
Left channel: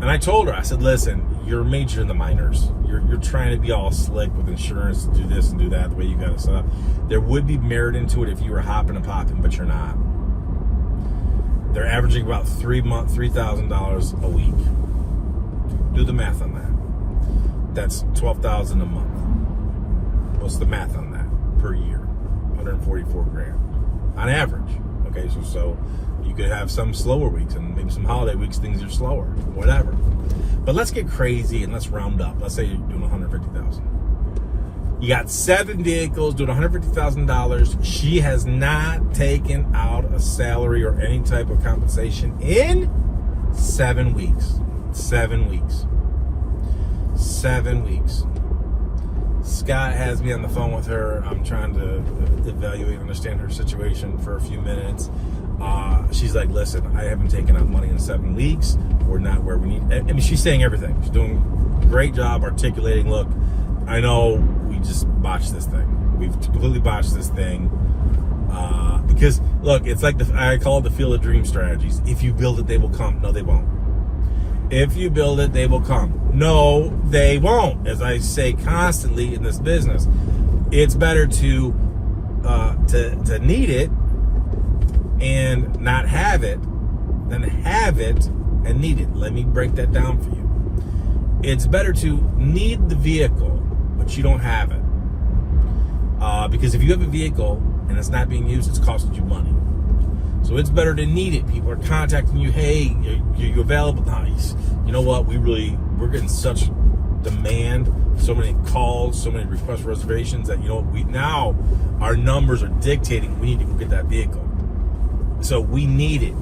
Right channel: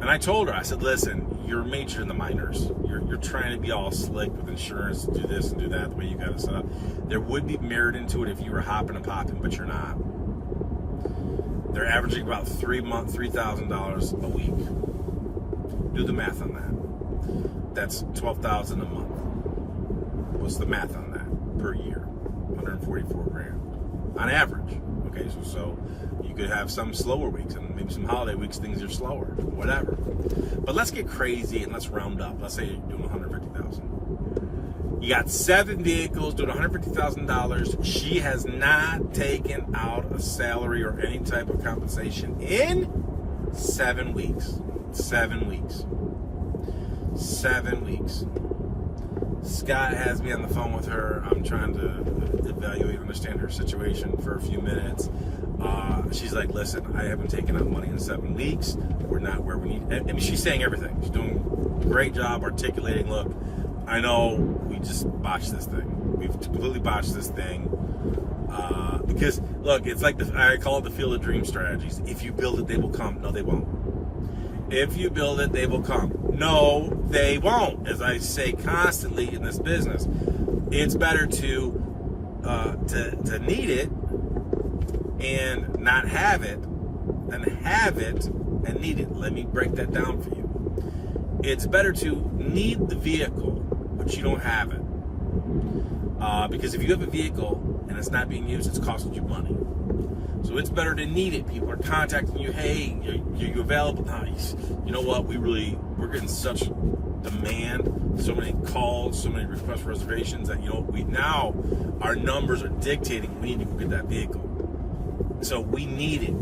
And I told her, I said, listen, you're majoring in the minors. You're trying to be all slick with insurance, do this and do that, the way you got it set up. There would be merit into it if you were hopping and popping, but you're not. They're averaging about $3,000 a week. Do the math on that. That's $12,000 a month. What's the math on that per year? 144 grand on average. Okay, so you could have some slower weeks and maybe some holiday weeks, things are slower, whatever. But let's get crazy and let's round up. Let's say you're doing 150,000. You got 7 vehicles doing $150,000. She has not taken out a salary or any type of compensation in 7 weeks. 7 weeks. 7 weeks. Scott has me on the phone with her. I'm trying to evaluate, understand her situation for a few minutes. She's like, listen, I haven't taken out money in 7 weeks. We're not where we need. I mean, she's saying everything. She's doing a great job articulating, look, I know we just botched this thing. We've completely botched this thing. Because, look, it's like I call it the Field of Dream strategies. If you build it, they will come. No, they won't. If you build it, they will come. No, they won't. As I say constantly in this business, it's better to need it and not have it than have it and need it. Let me break that down for you. It's better to need the vehicle, but you don't have it. Because if you have a vehicle and it's not being used, it's costing you money. So it's better to need it. People are contacting you. Hey, are you available? Nice. You know what? We're getting such demand, so many calls, so many requests for reservations that, you know, now our numbers are dictating we need to go get that vehicle. So we need it.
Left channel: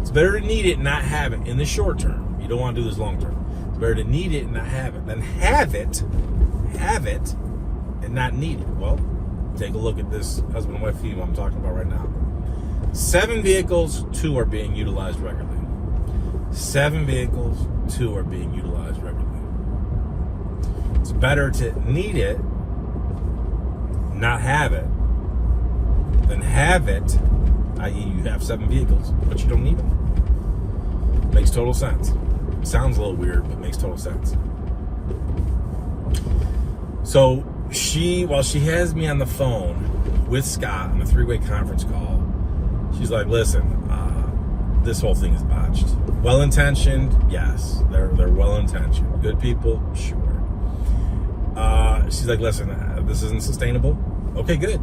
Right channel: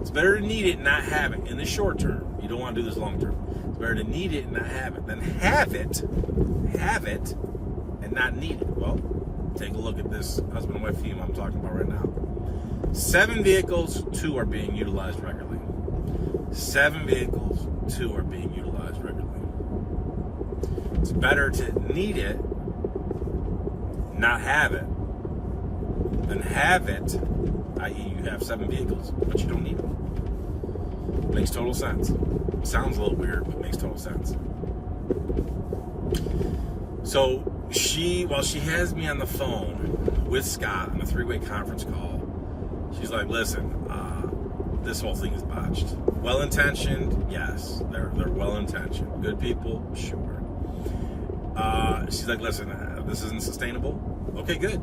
It's better to need it and not have it in the short term. You don't want to do this long term. It's better to need it and not have it than have it, and not need it. Well, take a look at this husband and wife team I'm talking about right now. 7 vehicles, 2 are being utilized regularly. 7 vehicles, 2 are being utilized regularly. It's better to need it, not have it, than have it, i.e. you have 7 vehicles, but you don't need them. Makes total sense. Sounds a little weird, but makes total sense. So while she has me on the phone with Scott on a 3-way conference call, she's like, listen, this whole thing is botched. Well-intentioned, yes. They're well-intentioned. Good people, sure. She's like, listen, this isn't sustainable. Okay, good.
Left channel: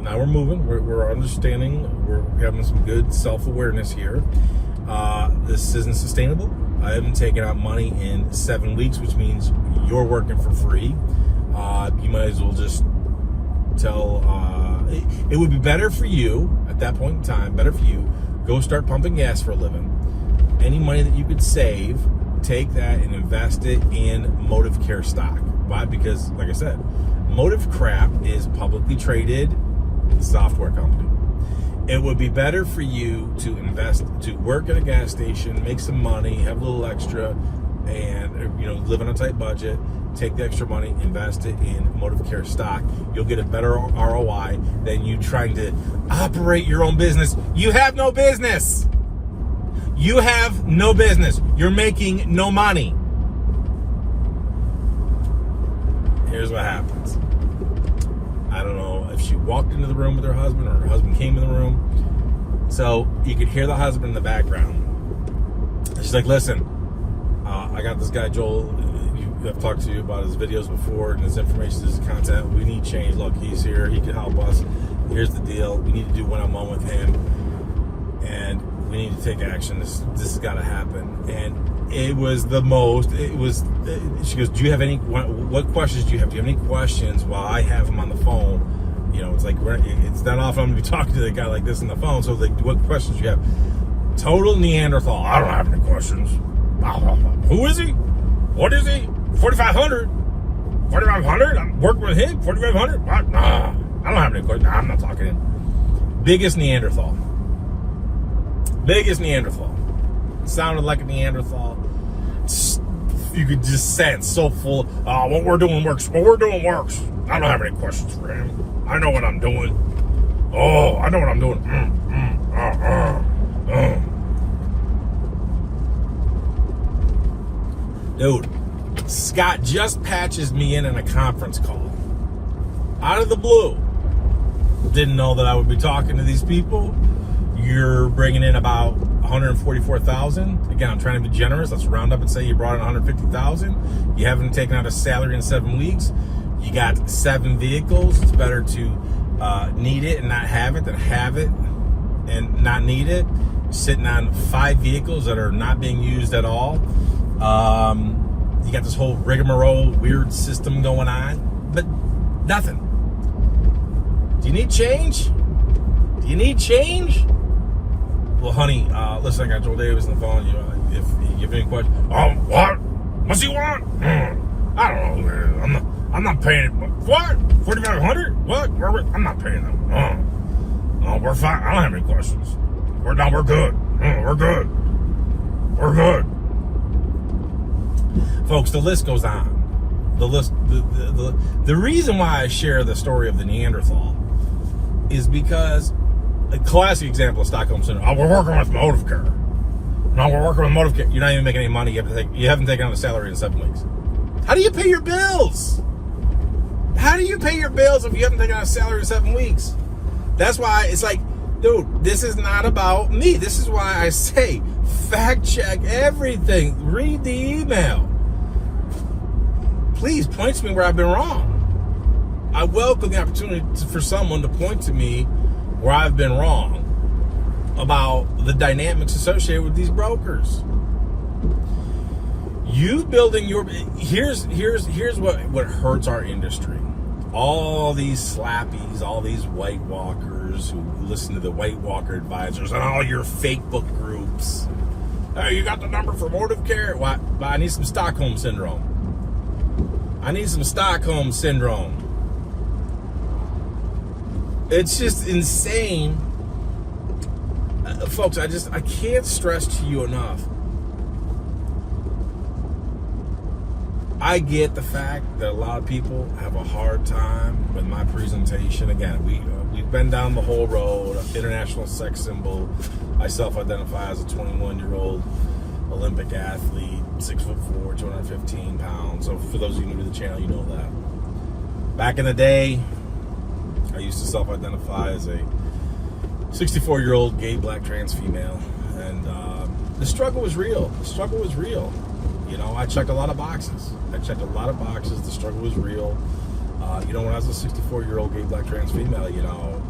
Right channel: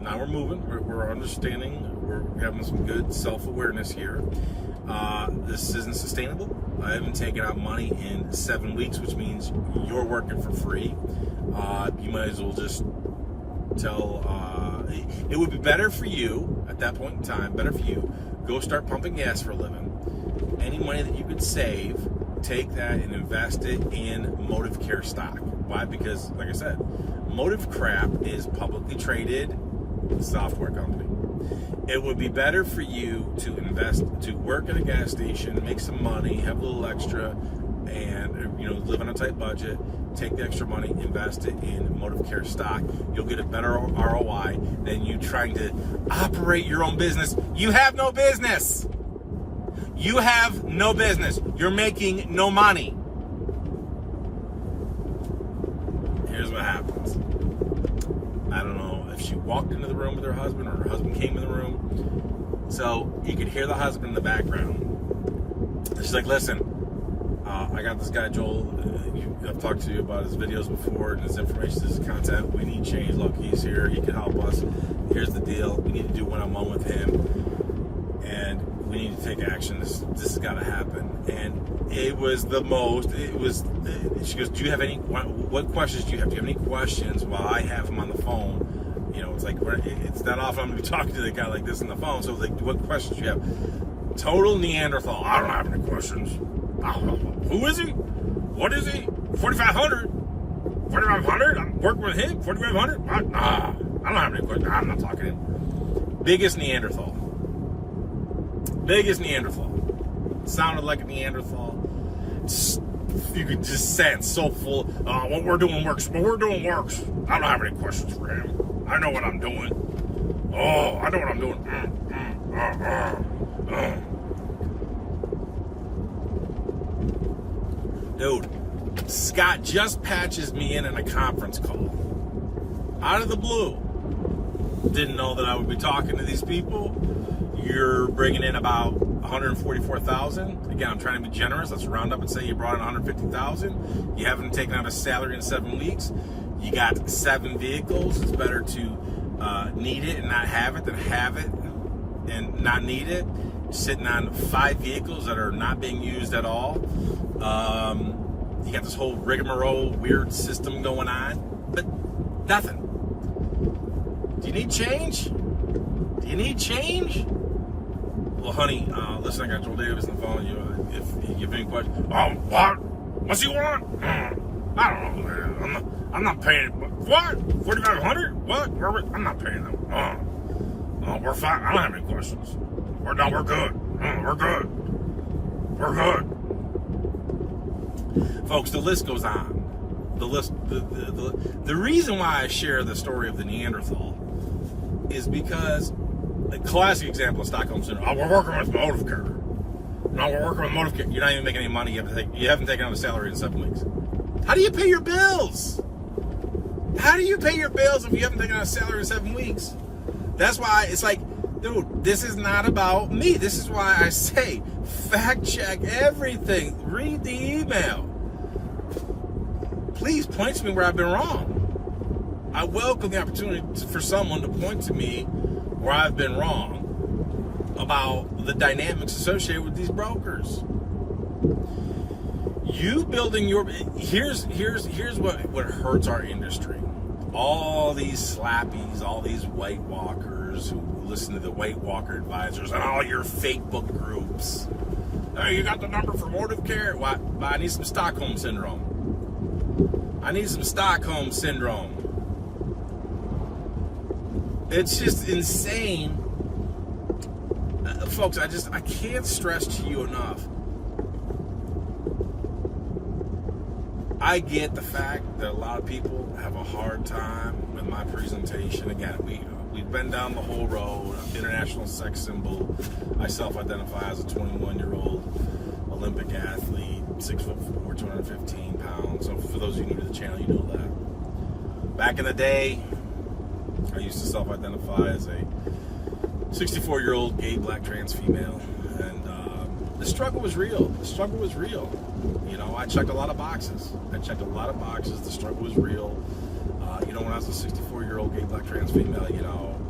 Now we're moving. We're understanding. We're having some good self-awareness here. This isn't sustainable. I haven't taken out money in 7 weeks, which means you're working for free. You might as well just tell... it would be better for you, at that point in time, better for you, go start pumping gas for a living. Any money that you could save, take that and invest it in Motive Care stock. Why? Because, like I said, Motive Crap is publicly traded software company. It would be better for you to invest, to work at a gas station, make some money, have a little extra, and, you know, live on a tight budget. Take the extra money, invest it in Motive Care stock. You'll get a better ROI than you trying to operate your own business. You have no business. You have no business. You're making no money. Here's what happens. I don't know if she walked into the room with her husband or her husband came in the room. So you could hear the husband in the background. She's like, listen, I got this guy, Joel. I've talked to you about his videos before and his information, his content. We need change. Look, he's here. He can help us. Here's the deal. We need to do one-on-one with him. And we need to take action. This has got to happen. And it was the most, she goes, do you have any, what questions do you have? Do you have any questions while I have him on the phone? You know, it's like, it's not often I'm going to be talking to the guy like this on the phone. So, like, what questions do you have? Total Neanderthal. I don't have any questions. Who is he? What is he? 4,500? 4,500? I'm working with him? 4,500? What? Nah, I don't have any questions. Nah, I'm not talking to him. Biggest Neanderthal. Biggest Neanderthal. Sounded like a Neanderthal. You could just sense so full. What we're doing works. What we're doing works. I don't have any questions for him. I know what I'm doing. Oh, I know what I'm doing. Dude, Scott just patches me in a conference call. Out of the blue. Didn't know that I would be talking to these people. You're bringing in about 144,000. Again, I'm trying to be generous. Let's round up and say you brought in 150,000. You haven't taken out a salary in 7 weeks. You got 7 vehicles. It's better to need it and not have it than have it and not need it. You're sitting on 5 vehicles that are not being used at all. You got this whole rigmarole, weird system going on, but nothing. Do you need change? Do you need change? Well, honey, listen, I got Joel Davis on the phone. If you have any questions, what? What's he want? I don't know. I'm not paying. What? 4,500? What? I'm not paying them. Oh, we're fine. I don't have any questions. We're good. We're good. We're good. Folks, the list goes on. The reason why I share the story of the Neanderthal is because a classic example of Stockholm syndrome. Oh, we're working with motive care. No, we're working with motive care. You're not even making any money. You haven't taken out a salary in 7 weeks. How do you pay your bills? How do you pay your bills if you haven't taken out a salary in 7 weeks? That's why it's like, dude, this is not about me. This is why I say fact check everything. Read the email. Please point to me where I've been wrong. I welcome the opportunity for someone to point to me where I've been wrong about the dynamics associated with these brokers. You building your here's what hurts our industry. All these slappies, all these White Walkers who listen to the White Walker advisors and all your fake book groups. Hey, you got the number for motive care? What? I need some Stockholm syndrome. I need some Stockholm syndrome. It's just insane. Folks, I can't stress to you enough. I get the fact that a lot of people have a hard time with my presentation. Again, we've been down the whole road. International sex symbol. I self-identify as a 21-year-old Olympic athlete, 6'4", 215 pounds. So for those of you new to the channel, you know that. Back in the day, I used to self-identify as a 64-year-old gay black trans female, and the struggle was real. The struggle was real. You know, I checked a lot of boxes. The struggle was real. When I was a 64-year-old gay black trans female,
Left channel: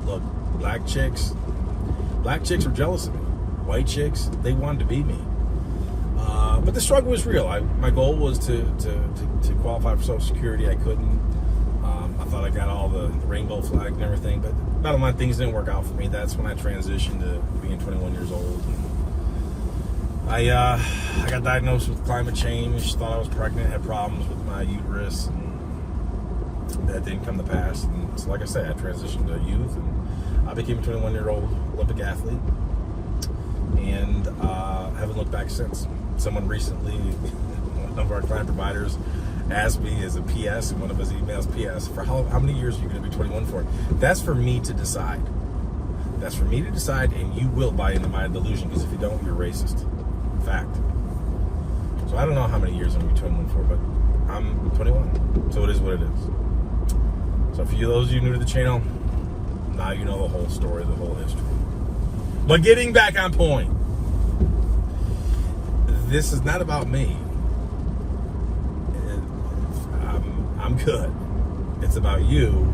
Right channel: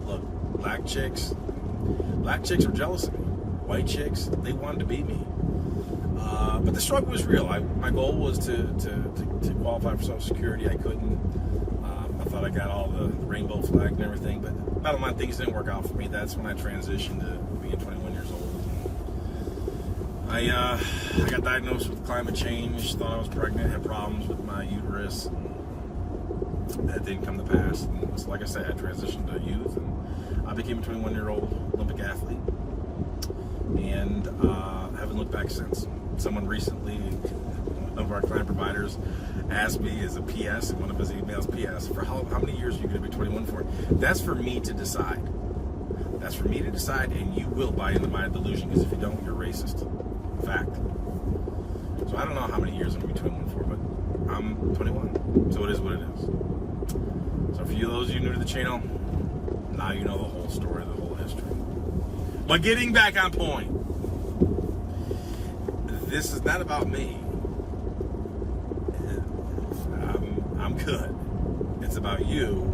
look, black chicks were jealous of me. White chicks, they wanted to be me. But the struggle was real. My goal was to qualify for Social Security. I couldn't. I thought I got all the rainbow flag and everything, but bottom line, things didn't work out for me. That's when I transitioned to being 21 years old. And I got diagnosed with climate change, thought I was pregnant, had problems with my uterus, and that didn't come to pass. And so, like I said, I transitioned to youth, and I became a 21-year-old Olympic athlete, and haven't looked back since. Someone recently, one of our client providers, asked me as a PS in one of his emails, PS, for how many years are you going to be 21 for? That's for me to decide. That's for me to decide, and you will buy into my delusion, because if you don't, you're racist. Fact. So I don't know how many years I'm going to be 21 for, but I'm 21. So it is what it is. So for you, those of you new to the channel, now you know the whole story, the whole history. But getting back on point, this is not about me. I'm good. It's about you,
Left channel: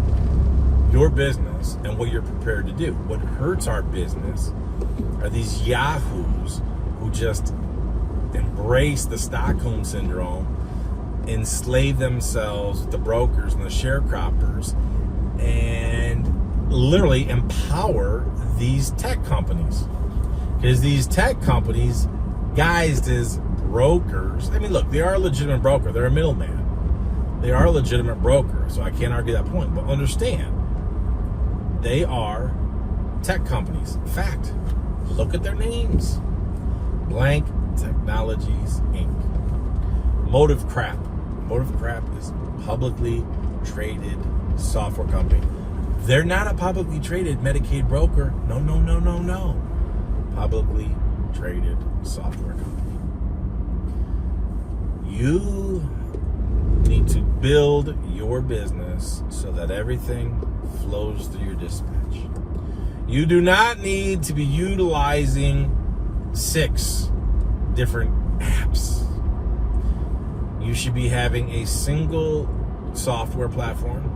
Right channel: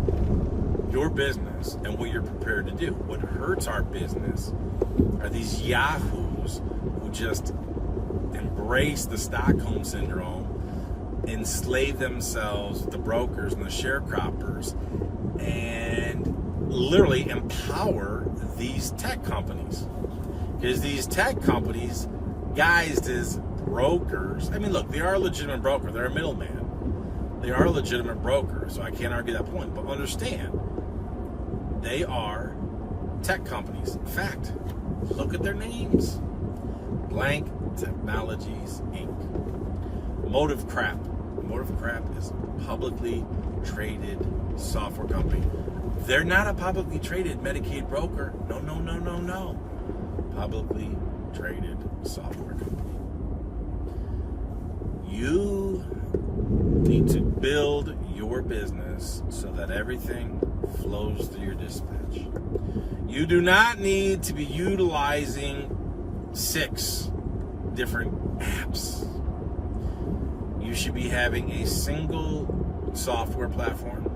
your business, and what you're prepared to do. What hurts our business are these yahoos who just embrace the Stockholm syndrome, enslave themselves with the brokers and the sharecroppers, and literally empower these tech companies. Because these tech companies, guised as brokers, I mean, look, they are a legitimate broker. They're a middleman. They are a legitimate broker, so I can't argue that point. But understand, they are tech companies. In fact, look at their names. Blank Technologies, Inc. Motive Crap. Motive Crap is a publicly traded software company. They're not a publicly traded Medicaid broker. No. Publicly traded software company. You need to build your business so that everything flows through your dispatch. You do not need to be utilizing 6 different apps. You should be having a single software platform.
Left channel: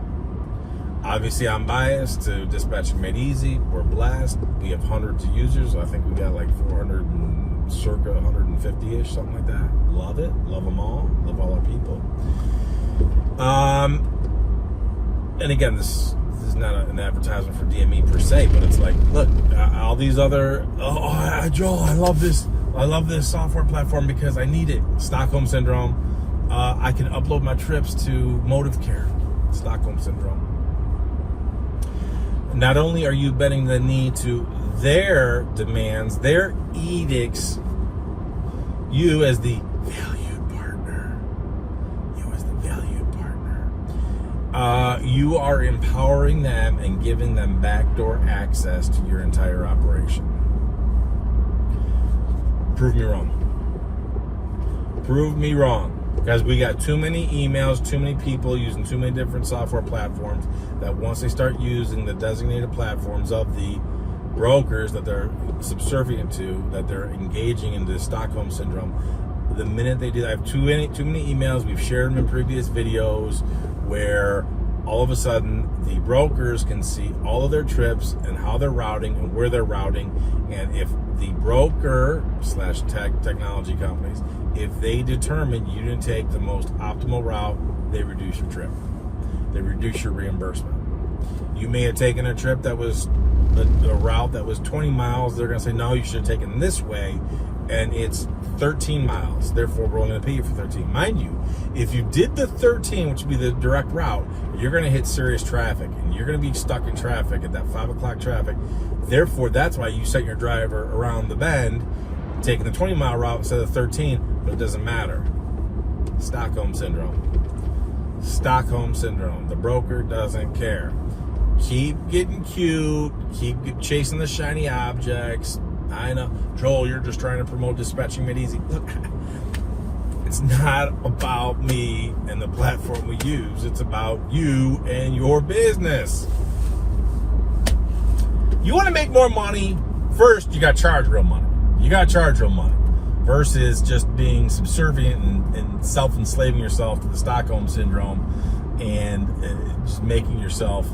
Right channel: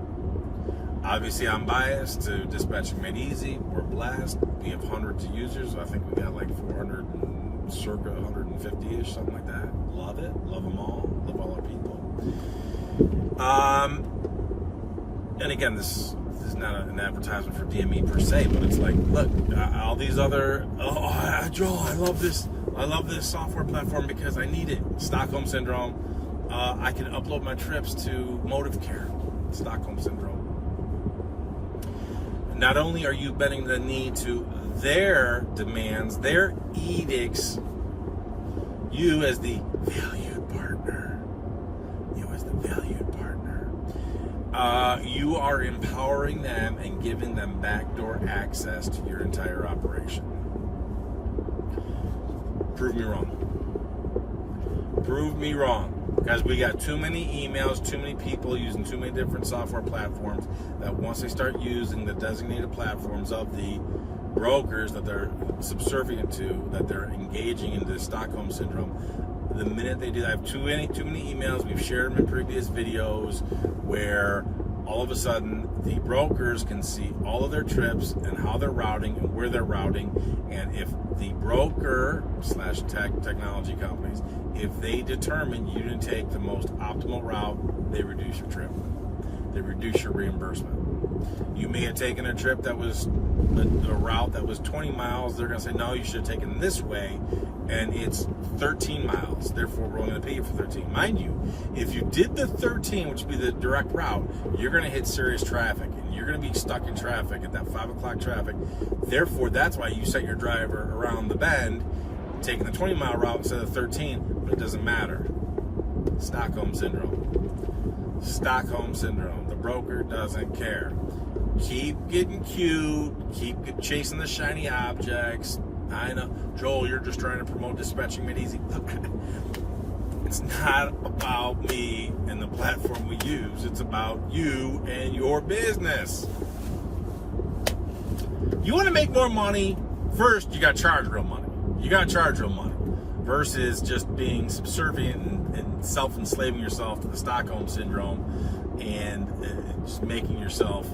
Obviously, I'm biased to Dispatch Made Easy. We're blessed. We have hundreds of users. I think we got like 400 and circa 150-ish, something like that. Love it. Love them all. Love all our people. And again, this is not an advertisement for DME per se, but it's like, look, all these other, Joel, I love this software platform because I need it. Stockholm syndrome. I can upload my trips to Motive Care. Stockholm Syndrome. Not only are you bending the knee to their demands, their edicts, you as the valued partner, you are empowering them and giving them backdoor access to your entire operation. Prove me wrong. Prove me wrong. Because we got too many emails, too many people using too many different software platforms that once they start using the designated platforms of the brokers that they're subservient to, that they're engaging in this Stockholm Syndrome, the minute they do, I have too many emails, we've shared them in previous videos, where all of a sudden the brokers can see all of their trips and how they're routing and where they're routing. And if the broker / technology companies, if they determine you didn't take the most optimal route, they reduce your trip. They reduce your reimbursement. You may have taken a trip that was a route that was 20 miles. They're going to say, no, you should have taken this way, and it's 13 miles. Therefore, we're only going to pay you for 13. Mind you, if you did the 13, which would be the direct route, you're going to hit serious traffic, and you're going to be stuck in traffic at that 5 o'clock traffic. Therefore, that's why you sent your driver around the bend, taking the 20-mile route instead of 13, but it doesn't matter. Stockholm Syndrome. Stockholm Syndrome. The broker doesn't care. Keep getting cute. Keep chasing the shiny objects. I know, Joel, you're just trying to promote dispatching made easy. Look, it's not about me and the platform we use. It's about you and your business. You want to make more money? First, you got to charge real money. You got to charge real money versus just being subservient and self-enslaving yourself to the Stockholm Syndrome and just making yourself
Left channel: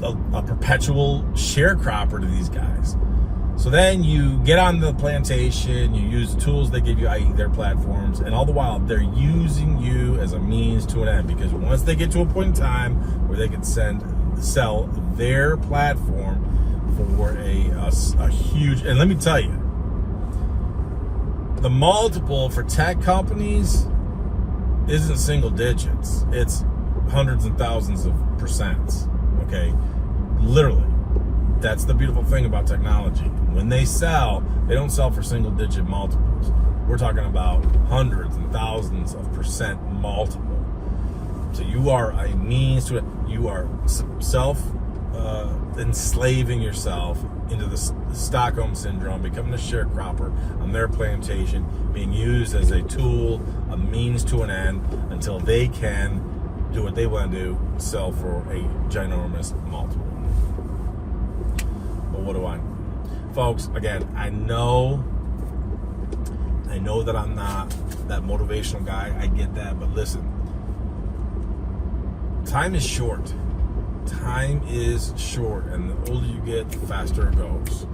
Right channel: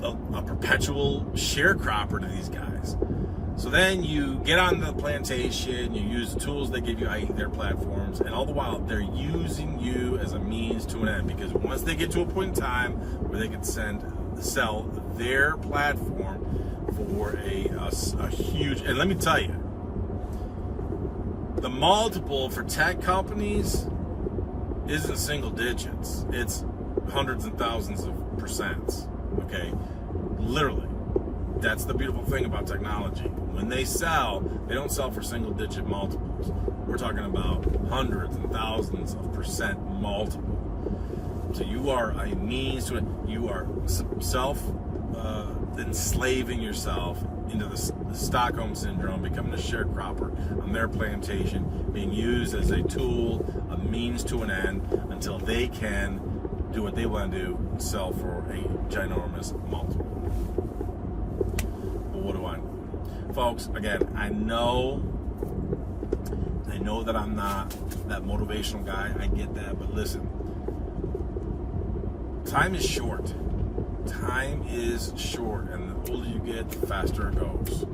a perpetual sharecropper to these guys. So then you get on the plantation, you use the tools they give you, i.e. their platforms, and all the while they're using you as a means to an end, because once they get to a point in time where they can sell their platform for a huge, and let me tell you, the multiple for tech companies isn't single digits. It's hundreds and thousands of percents. Okay, literally. That's the beautiful thing about technology. When they sell, they don't sell for single digit multiples. We're talking about hundreds and thousands of percent multiple. So you are a means to it. You are enslaving yourself into the Stockholm Syndrome, becoming a sharecropper on their plantation, being used as a tool, a means to an end, until they can do what they want to do, sell for a ginormous multiple. But what do I know? Folks, again, I know that I'm not that motivational guy. I get that, but listen, time is short. Time is short, and the older you get, the faster it goes.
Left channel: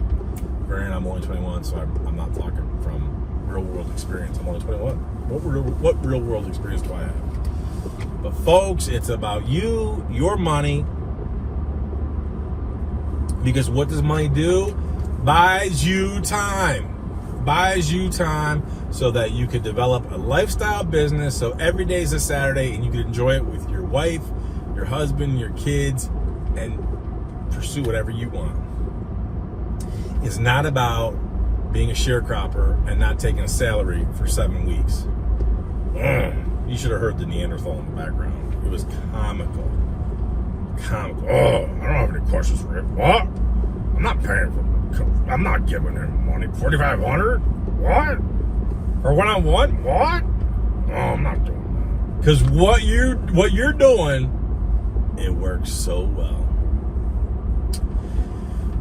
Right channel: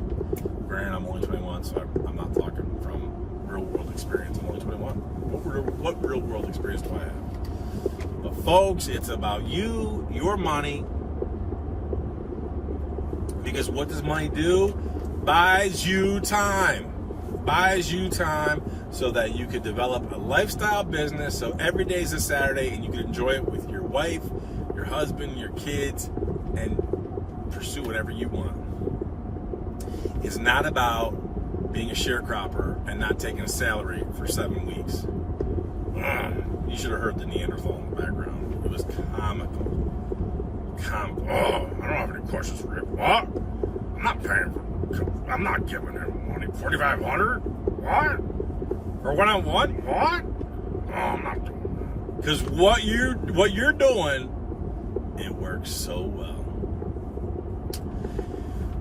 Granted, I'm only 21, so I'm not talking from real world experience. I'm only 21. What real world experience do I have? But folks, it's about you, your money, because what does money do? Buys you time. Buys you time so that you can develop a lifestyle business, so every day is a Saturday and you can enjoy it with your wife, your husband, your kids, and pursue whatever you want. It's not about being a sharecropper and not taking a salary for 7 weeks. You should have heard the Neanderthal in the background. It was comical. Comical. Oh, I don't have any questions for it. What? I'm not paying for, I'm not giving him money. $4,500? What? For one-on-one? What? Oh, I'm not doing that. Because what you're doing, it works so well.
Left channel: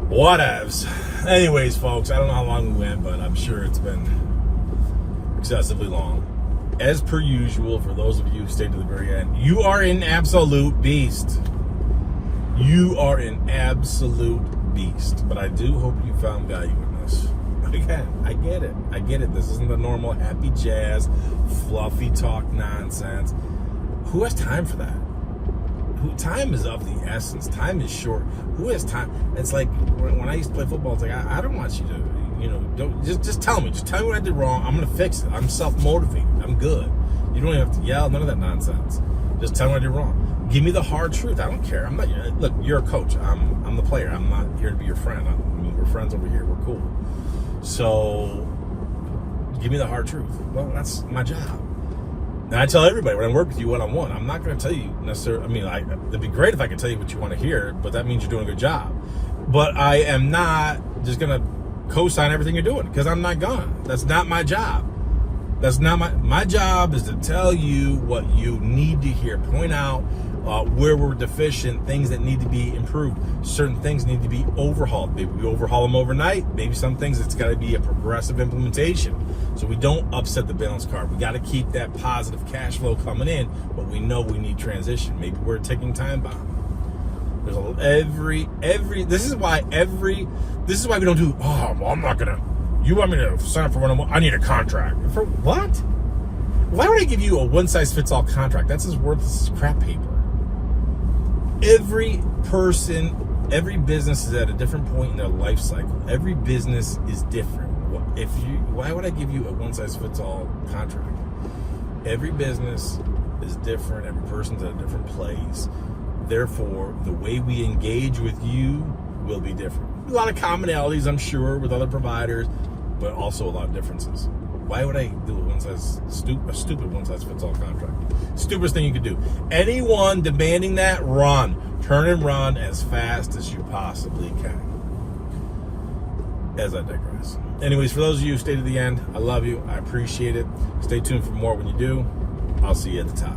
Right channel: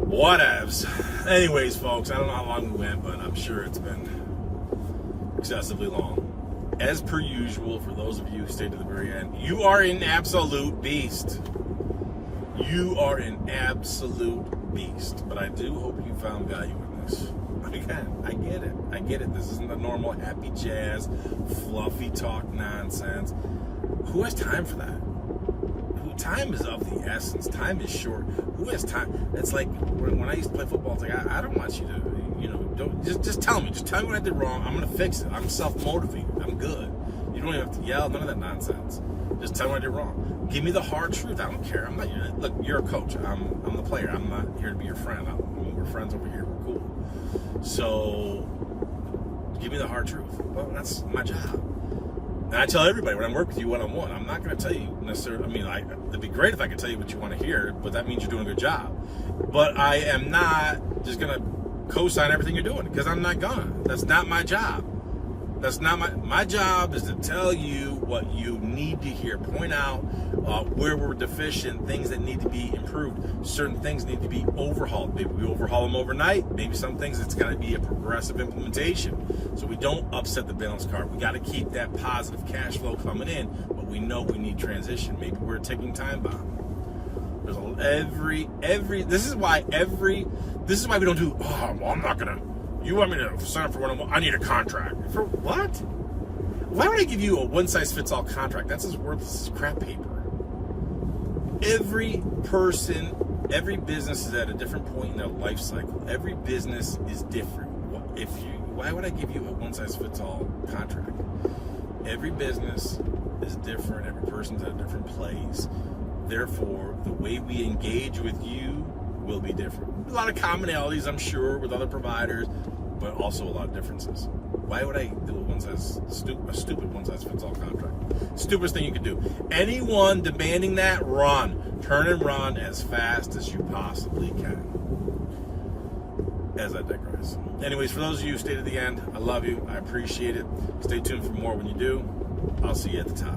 Whatevs. Anyways, folks, I don't know how long we went, but I'm sure it's been excessively long. As per usual, for those of you who stayed to the very end, you are an absolute beast. You are an absolute beast. But I do hope you found value in this. Again, I get it. I get it. This isn't the normal happy jazz, fluffy talk nonsense. Who has time for that? Time is of the essence. Time is short. Who has time? It's like when I used to play football, it's like, I don't want you to, don't just tell me. Just tell me what I did wrong. I'm going to fix it. I'm self-motivated. I'm good. You don't even have to yell, none of that nonsense. Just tell me I did wrong. Give me the hard truth. I don't care. I'm not. Look, you're a coach. I'm the player. I'm not here to be your friend. I mean, we're friends over here. We're cool. So, give me the hard truth. Well, that's my job. And I tell everybody when I work with you one-on-one, I'm not going to tell you necessarily. I mean, it'd be great if I could tell you what you want to hear, but that means you're doing a good job. But I am not just going to co-sign everything you're doing, because I'm not gonna. That's not my job. That's not my job is to tell you what you need to hear, point out where we're deficient, things that need to be improved, certain things need to be overhauled. Maybe we overhaul them overnight. Maybe some things it's got to be a progressive implementation, so we don't upset the balance card. We got to keep that positive cash flow coming in, but we know we need transition. Maybe we're a ticking time bomb. There's this is why we don't do. Oh, well, I'm not gonna. You want me to sign up for one-on-one? I need a contract. For what? Why would I give you a one-size-fits-all contract? That's as worthless as crap paper. Every person, every business is at a different point in their life cycle. Every business is different. Why would I give you a one-size-fits-all contract? Every business is different. Every person's at a different place. Therefore, the way we engage with you will be different. A lot of commonalities, I'm sure, with other providers, but also a lot of differences. Why would I do a stupid one-size-fits-all contract? Stupidest thing you could do. Anyone demanding that, run. Turn and run as fast as you possibly can. As I digress. Anyways, for those of you who stayed to the end, I love you. I appreciate it. Stay tuned for more when you do. I'll see you at the top.